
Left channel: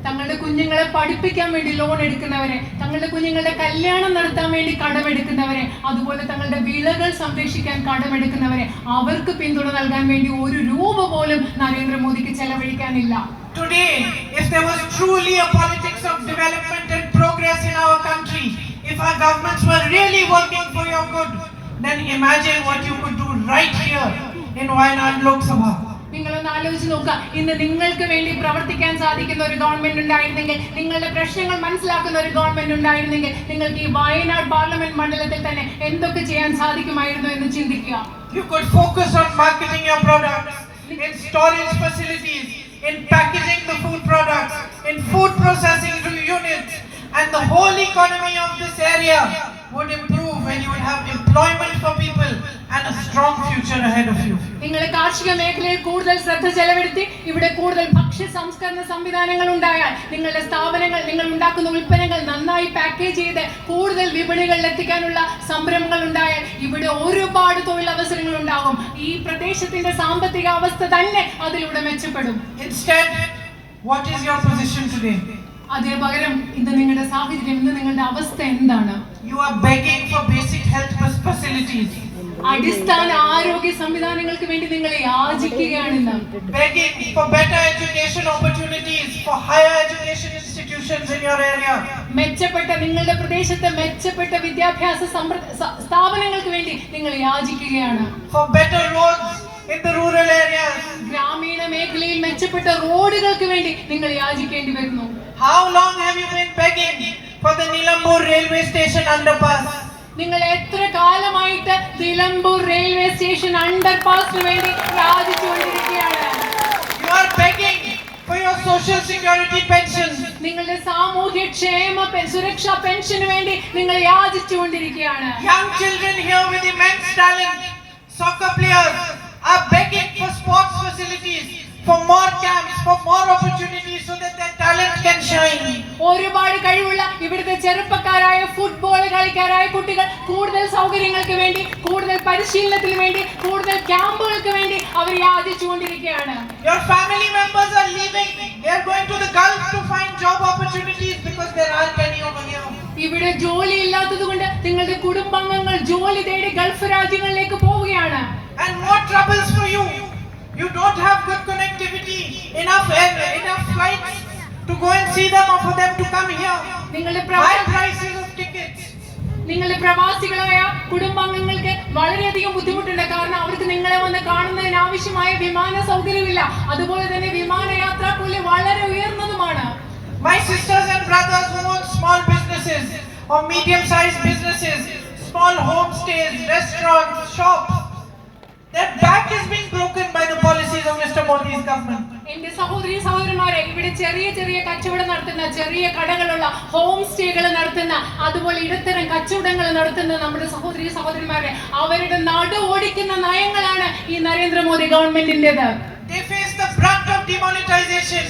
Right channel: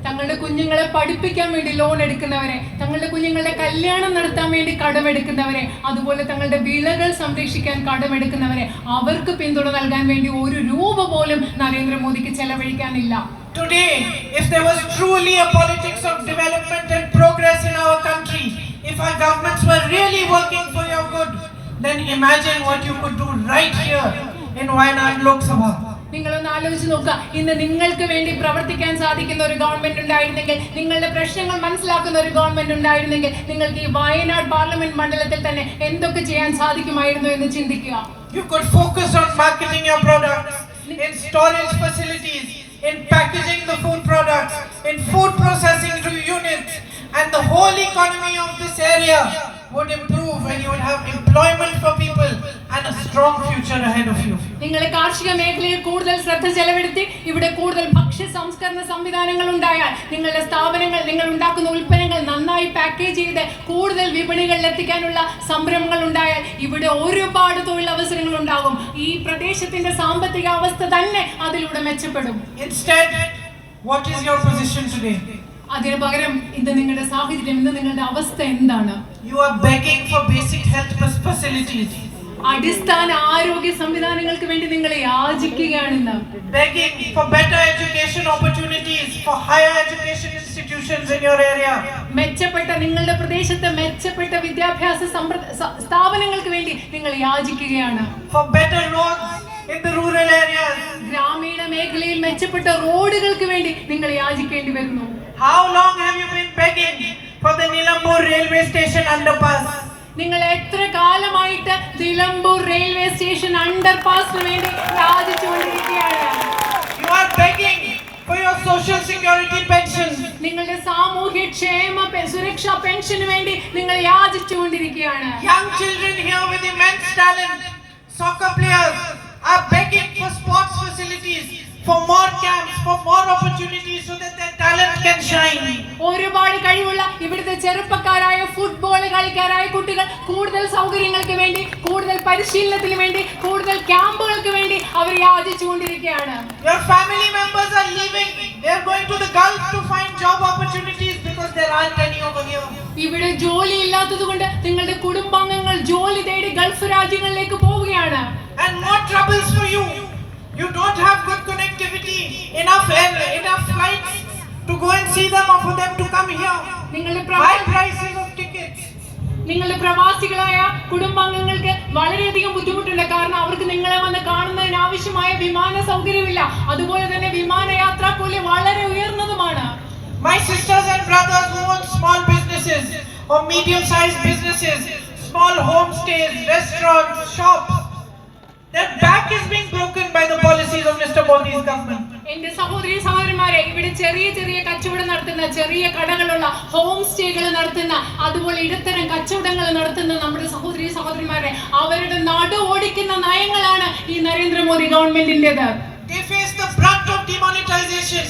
തങ്ങളുടെ കുഞ്ഞുങ്ങളെ പഠിപ്പിക്കാൻ വേണ്ടി loan എടുക്കുന്നവരെ, തങ്ങളുടെ കുഞ്ഞുങ്ങളുടെ കല്യാണം നടത്താൻ വേണ്ടി കടമെടുക്കുന്നവരെ, അതുപോലെ തങ്ങളുടെ വിളകൾ സംരക്ഷിക്കാൻ കടമെടുക്കുന്നവരെ, അവർക്ക് പിന്തുണ നൽകാൻ വേണ്ടി ഒരു രൂപ പോലും നരേന്ദ്രമോദിക്ക് ചെലവഴിക്കാനില്ല. Today, if there was truly a politics of development and progress in our country, if our governments were really working for your good, then imagine what you could do right here in Wayanad Lok Sabha. നിങ്ങളൊന്ന് ആലോചിച്ച് നോക്കുക, ഇന്ന് നിങ്ങൾക്ക് വേണ്ടി പ്രവർത്തിക്കാൻ സാധിക്കുന്ന ഒരു government ഉണ്ടായിരുന്നെങ്കിൽ, നിങ്ങളുടെ പ്രശ്നങ്ങൾ മനസ്സിലാക്കുന്ന ഒരു ഗവൺമെന്റ് ഉണ്ടായിരുന്നെങ്കിൽ, നിങ്ങൾക്ക് ഈ വയനാട് പാർലമെന്റ് മണ്ഡലത്തിൽ തന്നെ എന്തൊക്കെ ചെയ്യാൻ സാധിക്കുമായിരുന്നു എന്ന് ചിന്തിക്കുക. You could focus on marketing your products, in storage facilities, in packaging the food products, in food processing units, and the whole economy of this area would improve when you will have employment for people and a strong future ahead of you. നിങ്ങൾ കാർഷിക മേഖലയിൽ കൂടുതൽ ശ്രദ്ധ ചെലവഴിച്ച് ഇവിടെ കൂടുതൽ ഭക്ഷ്യ സംസ്കരണ സംവിധാനങ്ങൾ ഉണ്ടായാൽ, നിങ്ങളുടെ സ്ഥാപനങ്ങൾ, നിങ്ങൾ ഉണ്ടാക്കുന്ന ഉൽപ്പന്നങ്ങൾ നന്നായി പാക്കേജ് ചെയ്ത് കൂടുതൽ വിപണികളിൽ എത്തിക്കാനുള്ള സംരംഭങ്ങൾ ഉണ്ടായാൽ ഇവിടെ ഒരുപാട് തൊഴിലവസരങ്ങൾ ഉണ്ടാകും. ഈ പ്രദേശത്തിന്റെ സാമ്പത്തിക അവസ്ഥ തന്നെ അതിലൂടെ മെച്ചപ്പെടും. Instead, what is your position today? അതിനു പകരം ഇന്ന് നിങ്ങളുടെ സാഹചര്യം, ഇന്ന് നിങ്ങളുടെ അവസ്ഥ എന്താണ്? You are begging for basic health facilities. അടിസ്ഥാന ആരോഗ്യ സംവിധാനങ്ങൾക്ക് വേണ്ടി നിങ്ങൾ യാചിക്കുകയാണെന്ന്. Begging for better education opportunities, for higher education institutions in your area. മെച്ചപ്പെട്ട, നിങ്ങളുടെ പ്രദേശത്തെ മെച്ചപ്പെട്ട വിദ്യാഭ്യാസ സ്ഥാപനങ്ങൾക്ക് വേണ്ടി നിങ്ങൾ യാചിക്കുകയാണ്. For better roads in the rural areas. ഗ്രാമീണ മേഖലയിൽ മെച്ചപ്പെട്ട റോഡുകൾക്ക് വേണ്ടി നിങ്ങൾ യാചിക്കേണ്ടി വരുന്നു. How long have you been begging for the Nilambur railway station underpass? നിങ്ങൾ എത്ര കാലമായിട്ട് നിലമ്പൂർ റെയിൽവേ സ്റ്റേഷൻ അണ്ടർപാസിന് വേണ്ടി യാചിച്ചുകൊണ്ടിരിക്കുകയാണ്? You are begging for your social security pension. നിങ്ങളുടെ സാമൂഹ്യ ക്ഷേമ സുരക്ഷാ പെൻഷന് വേണ്ടി നിങ്ങൾ യാചിച്ചുകൊണ്ടിരിക്കുകയാണ്. Young children here with immense talent, soccer players, are begging for sports facilities, for more camps, for more opportunities so that their talent can shine. ഒരുപാട് കഴിവുള്ള ഇവിടുത്തെ ചെറുപ്പക്കാരായ ഫുട്ബോൾ കളിക്കാരായ കുട്ടികൾ കൂടുതൽ സൗകര്യങ്ങൾക്ക് വേണ്ടി, കൂടുതൽ പരിശീലനത്തിന് വേണ്ടി, കൂടുതൽ ക്യാമ്പുകൾക്ക് വേണ്ടി അവർ യാചിച്ചുകൊണ്ടിരിക്കുകയാണ്. Your family members are leaving. They are going to the Gulf to find job opportunities because there aren't any over here. ഇവിടെ ജോലി ഇല്ലാത്തതുകൊണ്ട് നിങ്ങളുടെ കുടുംബാംഗങ്ങൾ ജോലി തേടി ഗൾഫ് രാജ്യങ്ങളിലേക്ക് പോവുകയാണ്. And more troubles for you. You don't have good connectivity, enough flights to go and see them or for them to come here. High prices of tickets. നിങ്ങളുടെ പ്രവാസികളായ കുടുംബാംഗങ്ങൾക്ക് വളരെയധികം ബുദ്ധിമുട്ടുണ്ട്. കാരണം അവർക്ക് നിങ്ങളെ വന്ന് കാണുന്നതിന് ആവശ്യമായ വിമാന സൗകര്യമില്ല. അതുപോലെ തന്നെ വിമാനയാത്രാ കൂലി വളരെ ഉയർന്നതുമാണ്. My sisters and brothers who own small businesses or medium-sized businesses, small homestays, restaurants, shops, their back is being broken by the policies of Mr. Modi's government. എന്റെ സഹോദരന്മാരെ, ഇവിടെ ചെറിയ കച്ചവടം നടത്തുന്ന, ചെറിയ കടകളുള്ള, ഹോം സ്റ്റേകൾ നടത്തുന്ന, അതുപോലെ ഇടത്തരം കച്ചവടങ്ങൾ നടത്തുന്ന നമ്മുടെ സഹോദരന്മാരെ, അവരുടെ നടു ഓടിക്കുന്ന നയങ്ങളാണ് ഈ Narendra Modi ഗവൺമെന്റിന്റേത്. They face the brunt of demonetization.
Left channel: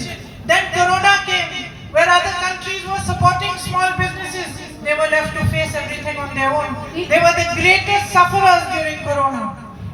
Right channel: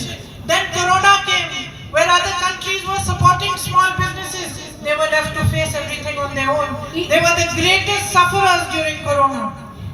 Then Corona came, where other countries were supporting small businesses. They were left to face everything on their own. They were the greatest sufferers during Corona.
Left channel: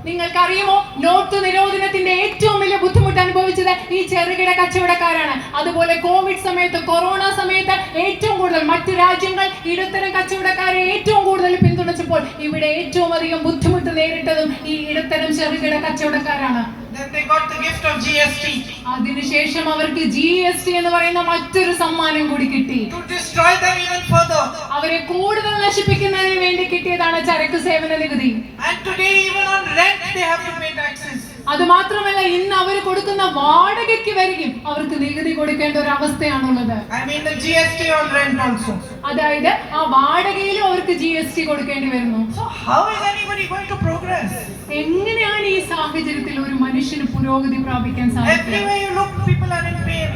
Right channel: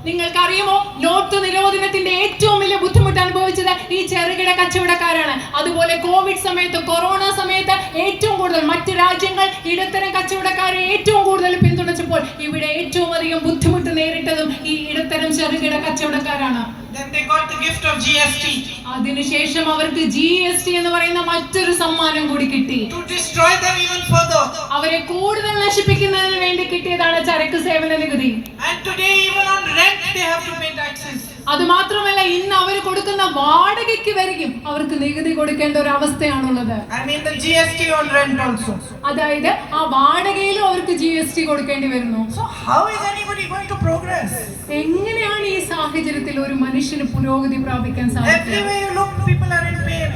നിങ്ങൾക്കറിയുമോ, not നിരോധനത്തിന്റെ ഏറ്റവും വലിയ ബുദ്ധിമുട്ട് അനുഭവിച്ചത് ഈ ചെറുകിട കച്ചവടക്കാരാണ്. അതുപോലെ Covid സമയത്ത്, corona സമയത്ത് ഏറ്റവും കൂടുതൽ മറ്റു രാജ്യങ്ങൾ ഇടത്തരം കച്ചവടക്കാരെ ഏറ്റവും കൂടുതൽ പിന്തുണച്ചപ്പോൾ ഇവിടെ ഏറ്റവും അധികം ബുദ്ധിമുട്ട് നേരിട്ടതും ഈ ഇടത്തരം ചെറുകിട കച്ചവടക്കാരാണ്. Then they got the gift of GST. അതിനുശേഷം അവർക്ക് GST എന്ന് പറയുന്ന മറ്റൊരു സമ്മാനം കൂടി കിട്ടി. To destroy them even further. അവരെ കൂടുതൽ നശിപ്പിക്കുന്നതിന് വേണ്ടി കിട്ടിയതാണ് ചരക്ക് സേവന നികുതി. And today even on rent they have to pay taxes. അത് മാത്രമല്ല, ഇന്ന് അവർ കൊടുക്കുന്ന വാടകയ്ക്ക് വരെയും അവർക്ക് നികുതി കൊടുക്കേണ്ട ഒരു അവസ്ഥയാണുള്ളത്. I mean the GST on rent also. അതായത് ആ വാടകയിലും അവർക്ക് GST കൊടുക്കേണ്ടി വരുന്നു. So how is anybody going to progress? എങ്ങനെയാണ് ഈ സാഹചര്യത്തിൽ ഒരു മനുഷ്യന് പുരോഗതി പ്രാപിക്കാൻ സാധിക്കുക? Everywhere you look, people are in pain.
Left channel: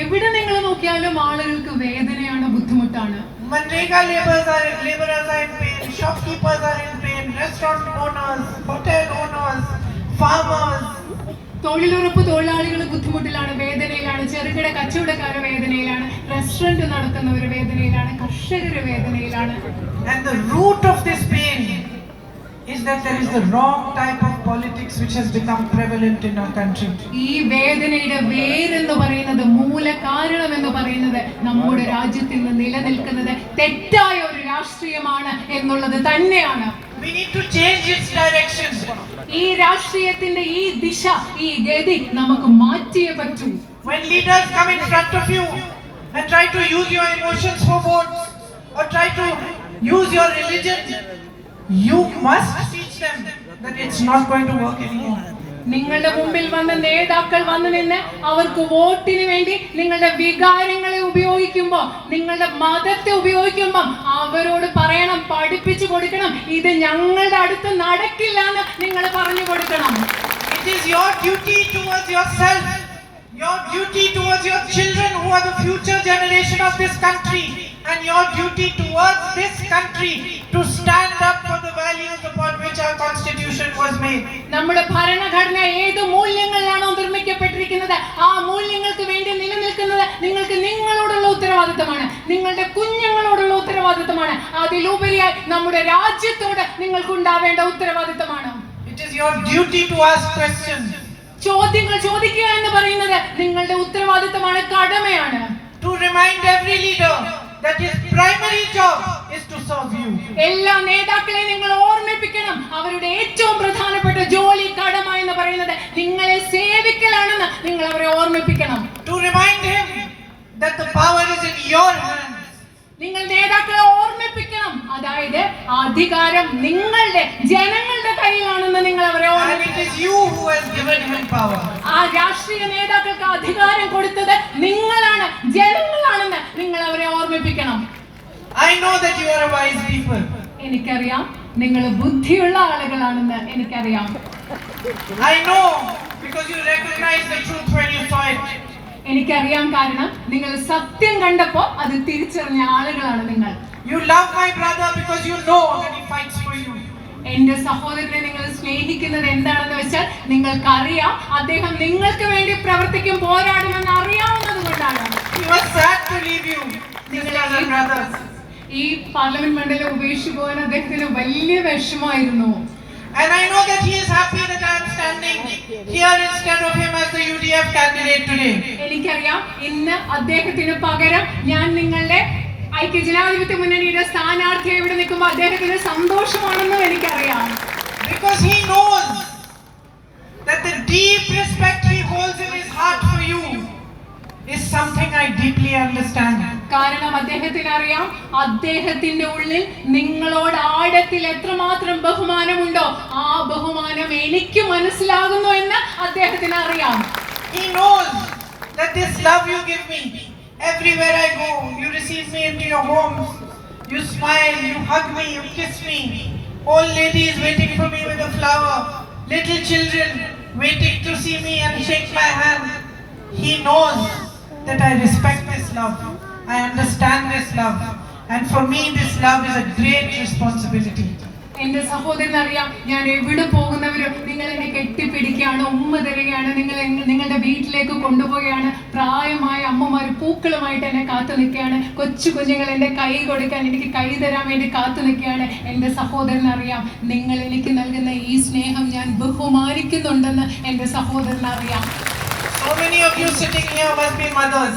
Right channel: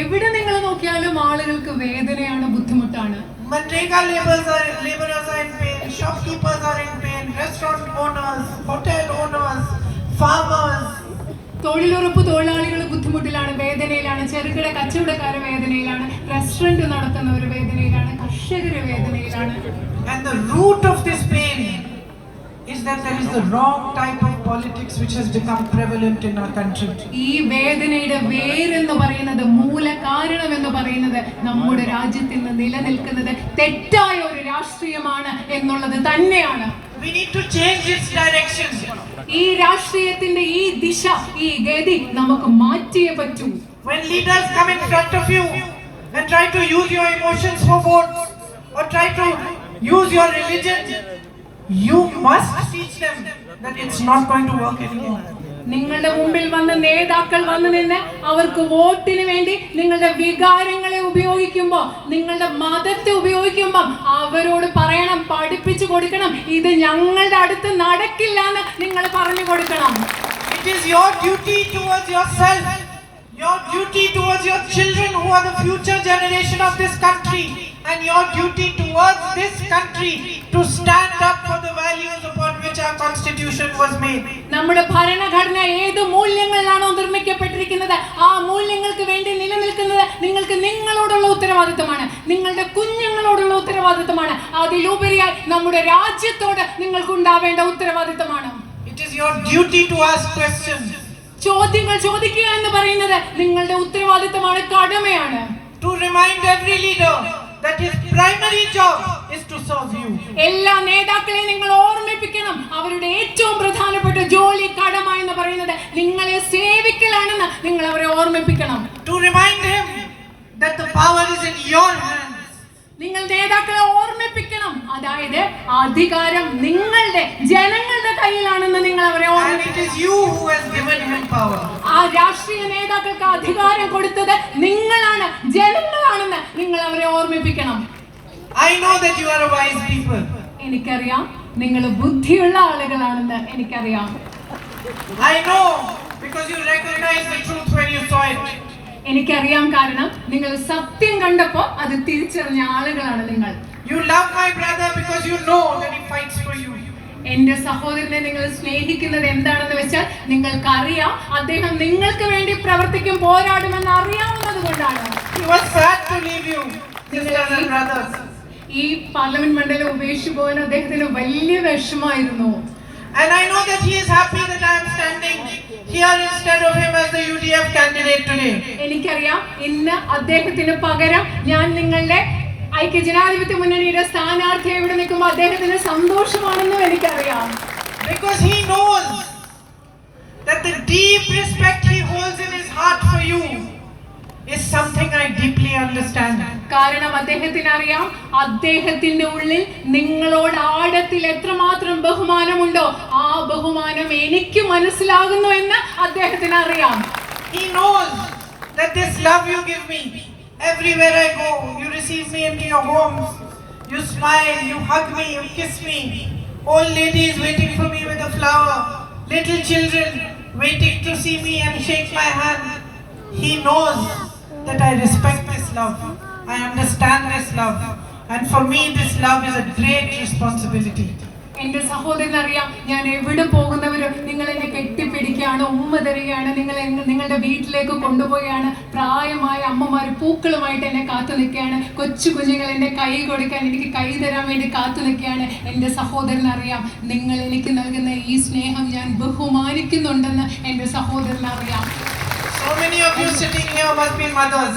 എവിടെ നിങ്ങൾ നോക്കിയാലും ആളുകൾക്ക് വേദനയാണ്, ബുദ്ധിമുട്ടാണ്. Manrega laborers are in pain, shopkeepers are in pain, restaurant owners, hotel owners, farmers, തൊഴിലുറപ്പ് തൊഴിലാളികൾ ബുദ്ധിമുട്ടിലാണ്, വേദനയിലാണ്, ചെറുകിട കച്ചവടക്കാർ വേദനയിലാണ്, റെസ്റ്റോറന്റ് നടത്തുന്നവർ വേദനയിലാണ്, കർഷകർ വേദനയിലാണ്. And the root of this pain is that there is the wrong type of politics which has become prevalent in our country. ഈ വേദനയുടെ വേരെന്ന് പറയുന്നത്, മൂല കാരണം എന്ന് പറയുന്നത് നമ്മുടെ രാജ്യത്തിൽ നിലനിൽക്കുന്നത് തെറ്റായ ഒരു രാഷ്ട്രീയമാണ് എന്നുള്ളത് തന്നെയാണ്. We need to change its direction. ഈ രാഷ്ട്രീയത്തിന്റെ ഈ ദിശ, ഈ ഗതി നമുക്ക് മാറ്റിയേ പറ്റൂ. When leaders come in front of you and try to use your emotions for votes or try to use your religion, you must teach them that it's not going to work anymore. നിങ്ങളുടെ മുമ്പിൽ വന്ന നേതാക്കൾ വന്നു നിന്ന് അവർക്ക് വോട്ടിന് വേണ്ടി നിങ്ങളുടെ വികാരങ്ങളെ ഉപയോഗിക്കുമ്പോൾ, നിങ്ങളുടെ മതത്തെ ഉപയോഗിക്കുമ്പോൾ അവരോട് പറയണം, പഠിപ്പിച്ചു കൊടുക്കണം, ഇത് ഞങ്ങളുടെ അടുത്ത് നടക്കില്ല എന്ന് നിങ്ങൾ പറഞ്ഞു കൊടുക്കണം. It is your duty towards yourself, your duty towards your children who are the future generation of this country, and your duty towards this country to stand up for the values upon which our constitution was made. നമ്മുടെ ഭരണഘടന ഏത് മൂല്യങ്ങളിലാണോ നിർമ്മിക്കപ്പെട്ടിരിക്കുന്നത് ആ മൂല്യങ്ങൾക്ക് വേണ്ടി നിലനിൽക്കുന്നത് നിങ്ങൾക്ക് നിങ്ങളോടുള്ള ഉത്തരവാദിത്തമാണ്, നിങ്ങളുടെ കുഞ്ഞുങ്ങളോടുള്ള ഉത്തരവാദിത്തമാണ്, അതിലുപരിയായി നമ്മുടെ രാജ്യത്തോട് നിങ്ങൾക്ക് ഉണ്ടാവേണ്ട ഉത്തരവാദിത്തമാണ്. It is your duty to ask questions. ചോദ്യങ്ങൾ ചോദിക്കുക എന്ന് പറയുന്നത് നിങ്ങളുടെ ഉത്തരവാദിത്തമാണ്, കടമയാണ്. To remind every leader that his primary job is to serve you. എല്ലാ നേതാക്കളെയും നിങ്ങൾ ഓർമ്മിപ്പിക്കണം, അവരുടെ ഏറ്റവും പ്രധാനപ്പെട്ട ജോലി, കടമ എന്ന് പറയുന്നത് നിങ്ങളെ സേവിക്കലാണെന്ന് നിങ്ങൾ അവരെ ഓർമ്മിപ്പിക്കണം. To remind him that the power is in your hands. നിങ്ങൾ നേതാക്കളെ ഓർമ്മിപ്പിക്കണം, അതായത് അധികാരം നിങ്ങളുടെ ജനങ്ങളുടെ കയ്യിലാണെന്ന് നിങ്ങൾ അവരെ ഓർമ്മിപ്പിക്കണം. And it is you who has given him power. ആ രാഷ്ട്രീയ നേതാക്കൾക്ക് അധികാരം കൊടുത്തത് നിങ്ങളാണ്, ജനങ്ങളാണെന്ന് നിങ്ങൾ അവരെ ഓർമ്മിപ്പിക്കണം. I know that you are a wise people. എനിക്കറിയാം നിങ്ങൾ ബുദ്ധിയുള്ള ആളുകളാണെന്ന് എനിക്കറിയാം. I know because you recognize the truth when you saw it. എനിക്കറിയാം, കാരണം നിങ്ങൾ സത്യം കണ്ടപ്പോൾ അത് തിരിച്ചറിഞ്ഞ ആളുകളാണ് നിങ്ങൾ. You love my brother because you know that he fights for you. എന്റെ സഹോദരനെ നിങ്ങൾ സ്നേഹിക്കുന്നത് എന്താണെന്ന് വെച്ചാൽ നിങ്ങൾക്കറിയാം അദ്ദേഹം നിങ്ങൾക്ക് വേണ്ടി പ്രവർത്തിക്കും, പോരാടുമെന്ന് അറിയാവുന്നത് കൊണ്ടാണ്. He was sad to leave you, sisters and brothers. ഈ പാർലമെന്റ് മണ്ഡലം ഉപേക്ഷിച്ചു പോകാൻ അദ്ദേഹത്തിന് വലിയ വിഷമമായിരുന്നു. And I know that he is happy that I am standing here instead of him as the UDF candidate today. എനിക്കറിയാം, ഇന്ന് അദ്ദേഹത്തിന് പകരം ഞാൻ നിങ്ങളുടെ ഐക്യജനാധിപത്യ മുന്നണിയുടെ സ്ഥാനാർത്ഥിയെ ഇവിടെ നിൽക്കുമ്പോൾ അദ്ദേഹത്തിന് സന്തോഷമാണെന്നും എനിക്കറിയാം. Because he knows that the deep respect he holds in his heart for you is something I deeply understand. കാരണം അദ്ദേഹത്തിന് അറിയാം, അദ്ദേഹത്തിന്റെ ഉള്ളിൽ നിങ്ങളോട് ആഴത്തിൽ എത്രമാത്രം ബഹുമാനമുണ്ടോ ആ ബഹുമാനം എനിക്ക് മനസ്സിലാകുന്നു എന്ന് അദ്ദേഹത്തിന് അറിയാം. He knows that this love you give me, everywhere I go, you receive me into your homes, you smile, you hug me, you kiss me, old ladies waiting for me with a flower, little children waiting to see me and shake my hand. He knows that I respect this love, I understand this love, and for me this love is a great responsibility. എന്റെ സഹോദരൻ അറിയാം, ഞാൻ എവിടെ പോകുന്നവരും നിങ്ങൾ എന്നെ കെട്ടിപ്പിടിക്കുകയാണ്, ഉമ്മ തരികയാണ്, നിങ്ങളുടെ വീട്ടിലേക്ക് കൊണ്ടുപോവുകയാണ്. പ്രായമായ അമ്മമാർ പൂക്കളുമായിട്ട് എന്നെ കാത്തു നിൽക്കുകയാണ്, കൊച്ചു കുഞ്ഞുങ്ങൾ എന്റെ കൈ കൊടുക്കാൻ, എനിക്ക് കൈ തരാൻ വേണ്ടി കാത്തു നിൽക്കുകയാണ്. എന്റെ സഹോദരൻ അറിയാം, നിങ്ങൾ എനിക്ക് നൽകുന്ന ഈ സ്നേഹം ഞാൻ ബഹുമാനിക്കുന്നുണ്ടെന്ന് എന്റെ സഹോദരൻ അറിയാം. So many of you sitting here must be mothers.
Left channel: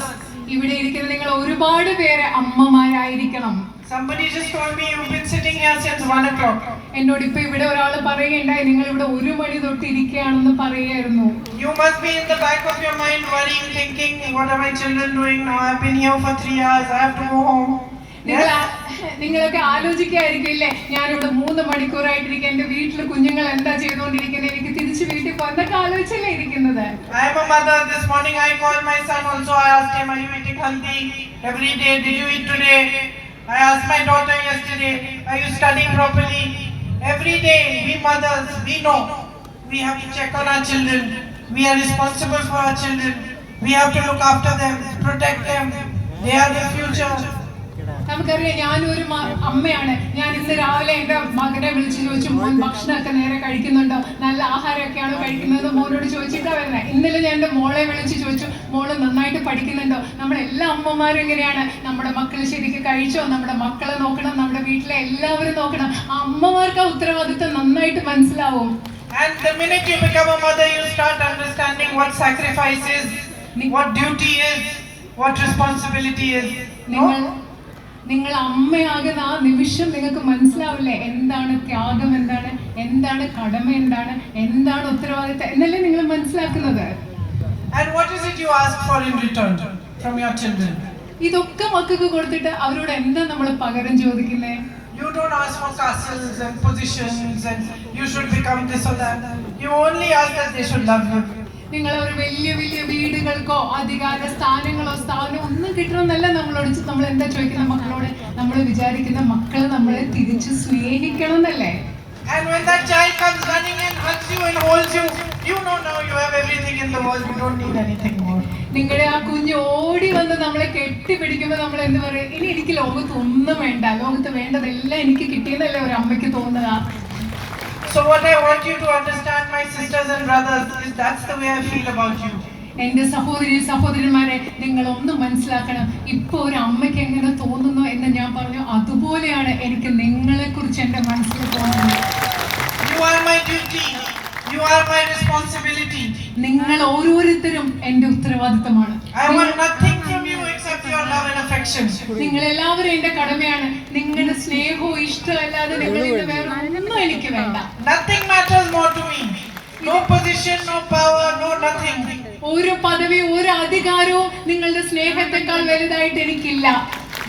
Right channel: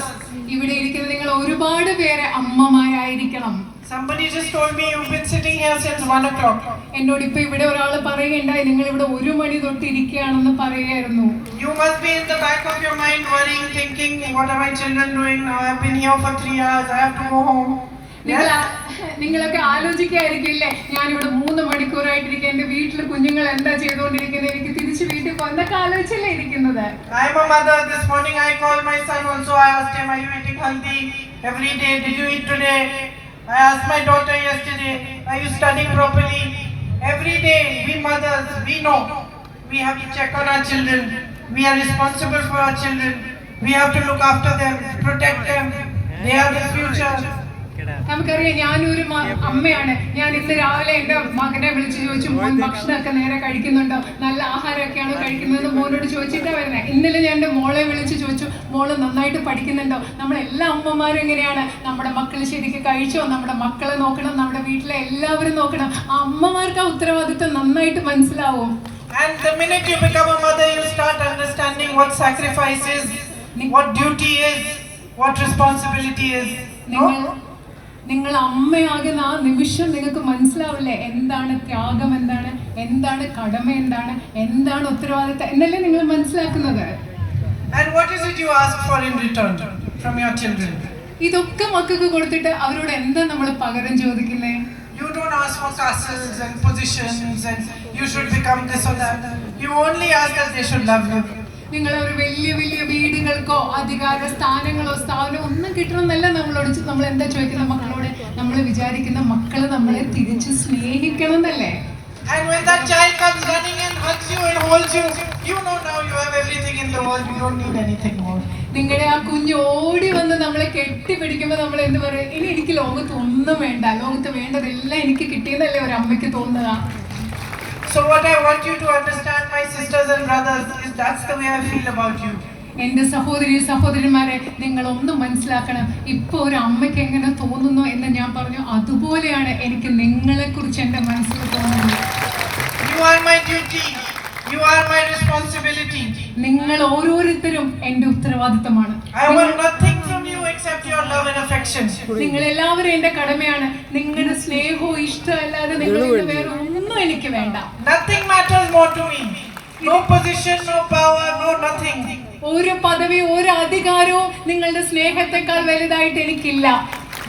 ഇവിടെ ഇരിക്കുന്ന നിങ്ങൾ ഒരുപാട് പേര് അമ്മമാരായിരിക്കണം. Somebody just told me you've been sitting here since 1 o'clock. എന്നോട് ഇപ്പൊ ഇവിടെ ഒരാൾ പറയുകയുണ്ടായി, നിങ്ങൾ ഇവിടെ 1 മണി തൊട്ട് ഇരിക്കുകയാണെന്ന് പറയുകയായിരുന്നു. You must be in the back of your mind worrying, thinking, what are my children doing now? I've been here for 3 hours, I have to go home. നിങ്ങളൊക്കെ ആലോചിക്കായിരിക്കില്ലേ, ഞാനിവിടെ 3 മണിക്കൂറായിട്ടിരിക്കും, എന്റെ വീട്ടിൽ കുഞ്ഞുങ്ങൾ എന്താ ചെയ്തുകൊണ്ടിരിക്കുന്നത്, എനിക്ക് തിരിച്ച് വീട്ടിൽ പോകുന്നൊക്കെ ആലോചിച്ചല്ലേ ഇരിക്കുന്നത്. I am a mother. This morning I called my son also. I asked him, are you eating healthy every day? Did you eat today? I asked my daughter yesterday, are you studying properly? Every day we mothers, we know we have to check on our children. We are responsible for our children. We have to look after them, protect them. They are the future. നമുക്കറിയാം, ഞാനൊരു അമ്മയാണ്. ഞാൻ ഇന്ന് രാവിലെ എന്റെ മകനെ വിളിച്ചു ചോദിച്ചു, മോൻ ഭക്ഷണമൊക്കെ നേരെ കഴിക്കുന്നുണ്ടോ, നല്ല ആഹാരമൊക്കെയാണോ കഴിക്കുന്നത് മോനോട് ചോദിച്ചിട്ടാണ് വരുന്നത്. ഇന്നലെ ഞാൻ എൻ്റെ മോളെ വിളിച്ച് ചോദിച്ചു, മോള് നന്നായിട്ട് പഠിക്കുന്നുണ്ടോ. നമ്മളെല്ലാ അമ്മമാരും എങ്ങനെയാണ്, നമ്മുടെ മക്കൾ ശരിക്കും കഴിച്ചോ, നമ്മുടെ മക്കളെ നോക്കണം, നമ്മുടെ വീട്ടിലെ എല്ലാവരും നോക്കണം. അമ്മമാർക്ക് ആ ഉത്തരവാദിത്വം നന്നായിട്ട് മനസ്സിലാവും. And the minute you become a mother, you start understanding what sacrifice is, what duty is, what responsibility is. നിങ്ങൾ അമ്മയാകുന്ന ആ നിമിഷം നിങ്ങൾക്ക് മനസ്സിലാവില്ലേ എന്താണ് ത്യാഗം, എന്താണ് കടമ, എന്താണ് ഉത്തരവാദിത്തം എന്നല്ലേ നിങ്ങൾ മനസ്സിലാക്കുന്നത്. And what is it you ask for in return from your children? ഇതൊക്കെ മക്കൾക്ക് കൊടുത്തിട്ട് അവരോട് എന്താ നമ്മൾ പകരം ചോദിക്കുന്നത്? You don't ask for castles and positions and you should become this or that. You only ask that they should love you. നിങ്ങൾ ഒരു വലിയ വലിയ വീടുകൾക്കോ അധികാര സ്ഥാനങ്ങളോ ഒന്നും കിട്ടണമെന്നല്ല നമ്മൾ എന്താ ചോദിക്കുന്ന മക്കളോട്. നമ്മൾ വിചാരിക്കുന്ന മക്കൾ നമ്മളെ തിരിച്ച് സ്നേഹിക്കണം എന്നല്ലേ. And when that child comes running and hugs you and holds you, you know now you have everything in the world. You don't need anything more. നിങ്ങളുടെ ആ കുഞ്ഞ് ഓടി വന്ന് നമ്മളെ കെട്ടിപ്പിടിക്കുമ്പോൾ നമ്മൾ എന്ത് പറയും? ഇനി എനിക്ക് ലോകത്ത് ഒന്നും വേണ്ട, ലോകത്ത് വേണ്ടതെല്ലാം എനിക്ക് കിട്ടിയെന്നല്ലേ ഒരു അമ്മയ്ക്ക് തോന്നുക. So what I want you to understand, my sisters and brothers, is that's the way I feel about you. എന്റെ സഹോദരന്മാരെ, നിങ്ങൾ ഒന്ന് മനസ്സിലാക്കണം. ഇപ്പൊ ഒരു അമ്മയ്ക്ക് എങ്ങനെ തോന്നുന്നു എന്ന് ഞാൻ പറഞ്ഞു, അതുപോലെയാണ് എനിക്ക് നിങ്ങളെ കുറിച്ച് എന്റെ മനസ്സിൽ തോന്നുന്നത്. You are my duty. You are my responsibility. നിങ്ങൾ ഓരോരുത്തരും എന്റെ ഉത്തരവാദിത്തമാണ്. I want nothing from you except your love and affection. നിങ്ങൾ എല്ലാവരും എന്റെ കടമയാണ്. നിങ്ങളുടെ സ്നേഹവും ഇഷ്ടവും അല്ലാതെ നിങ്ങളിൽ വേറെ ഒന്നും എനിക്ക് വേണ്ട. Nothing matters more to me. No position, no power, no nothing. ഒരു പദവി, ഒരു അധികാരവും നിങ്ങളുടെ സ്നേഹത്തെക്കാൾ വലുതായിട്ട് എനിക്കില്ല.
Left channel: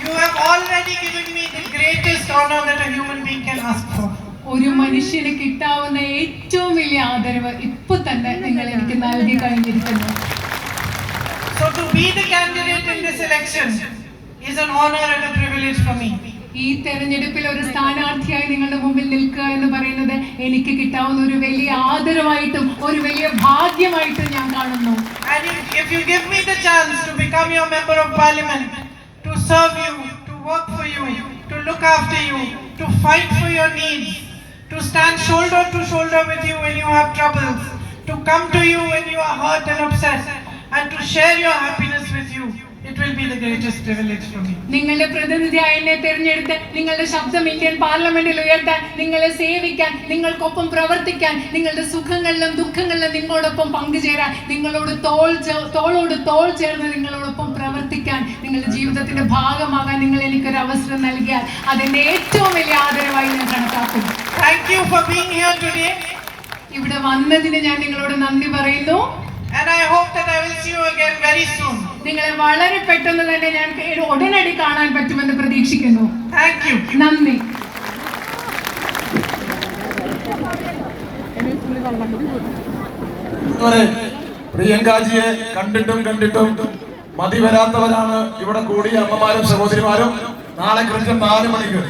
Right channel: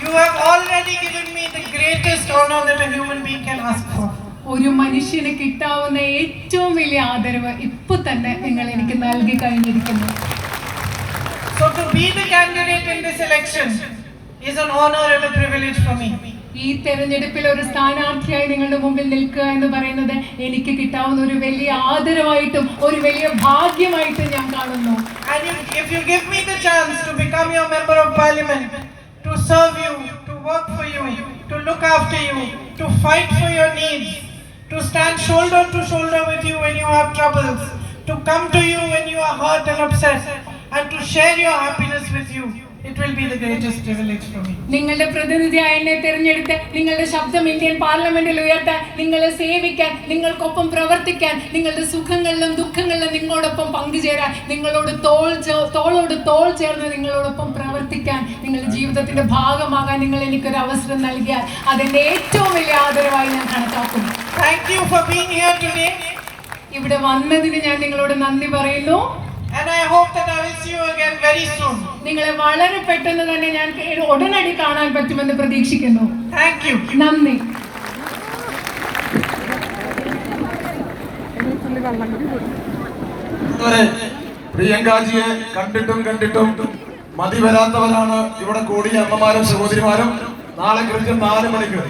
You have already given me the greatest honor that a human being can ask for. ഒരു മനുഷ്യന് കിട്ടാവുന്ന ഏറ്റവും വലിയ ആദരവ് ഇപ്പൊ തന്നെ നിങ്ങൾ എനിക്ക് നൽകി കഴിഞ്ഞിരിക്കുന്നു. So to be the candidate in this election is an honor and a privilege for me. ഈ തെരഞ്ഞെടുപ്പിൽ ഒരു സ്ഥാനാർത്ഥിയായി നിങ്ങളുടെ മുമ്പിൽ നിൽക്കുക എന്ന് പറയുന്നത് എനിക്ക് കിട്ടാവുന്ന ഒരു വലിയ ആദരവായിട്ടും ഒരു വലിയ ഭാഗ്യമായിട്ടും ഞാൻ കാണുന്നു. And if you give me the chance to become your member of parliament, to serve you, to work for you, to look after you, to fight for your needs, to stand shoulder to shoulder with you when you have troubles, to come to you when you are hurt and upset, and to share your happiness with you, it will be the greatest privilege for me. നിങ്ങളുടെ പ്രതിനിധിയായി എന്നെ തിരഞ്ഞെടുത്ത് നിങ്ങളുടെ ശബ്ദം Indian പാർലമെന്റിൽ ഉയർത്താൻ, നിങ്ങളെ സേവിക്കാൻ, നിങ്ങൾക്കൊപ്പം പ്രവർത്തിക്കാൻ, നിങ്ങളുടെ സുഖങ്ങളിലും ദുഃഖങ്ങളിലും നിങ്ങളോടൊപ്പം പങ്കുചേരാൻ, നിങ്ങളോട് തോളോട് തോൾ ചേർന്ന് നിങ്ങളോടൊപ്പം പ്രവർത്തിക്കാൻ, നിങ്ങളുടെ ജീവിതത്തിന്റെ ഭാഗമാകാൻ നിങ്ങൾ എനിക്കൊരു അവസരം നൽകിയാൽ അതിന്റെ ഏറ്റവും വലിയ ആദരവായി ഞാൻ കണക്കാക്കും. Thank you for being here today. ഇവിടെ വന്നതിന് ഞാൻ നിങ്ങളോട് നന്ദി പറയുന്നു. And I hope that I will see you again very soon. നിങ്ങളെ വളരെ പെട്ടെന്ന് തന്നെ ഞാൻ ഉടനടി കാണാൻ പറ്റുമെന്ന് പ്രതീക്ഷിക്കുന്നു. Thank you. നന്ദി. പ്രിയങ്കാജിയെ കണ്ടിട്ടും മതി വരാത്തവരാണ് ഇവിടെ കൂടിയ അമ്മമാരും സഹോദരിമാരും. നാളെ കൃത്യം 4 മണിക്ക്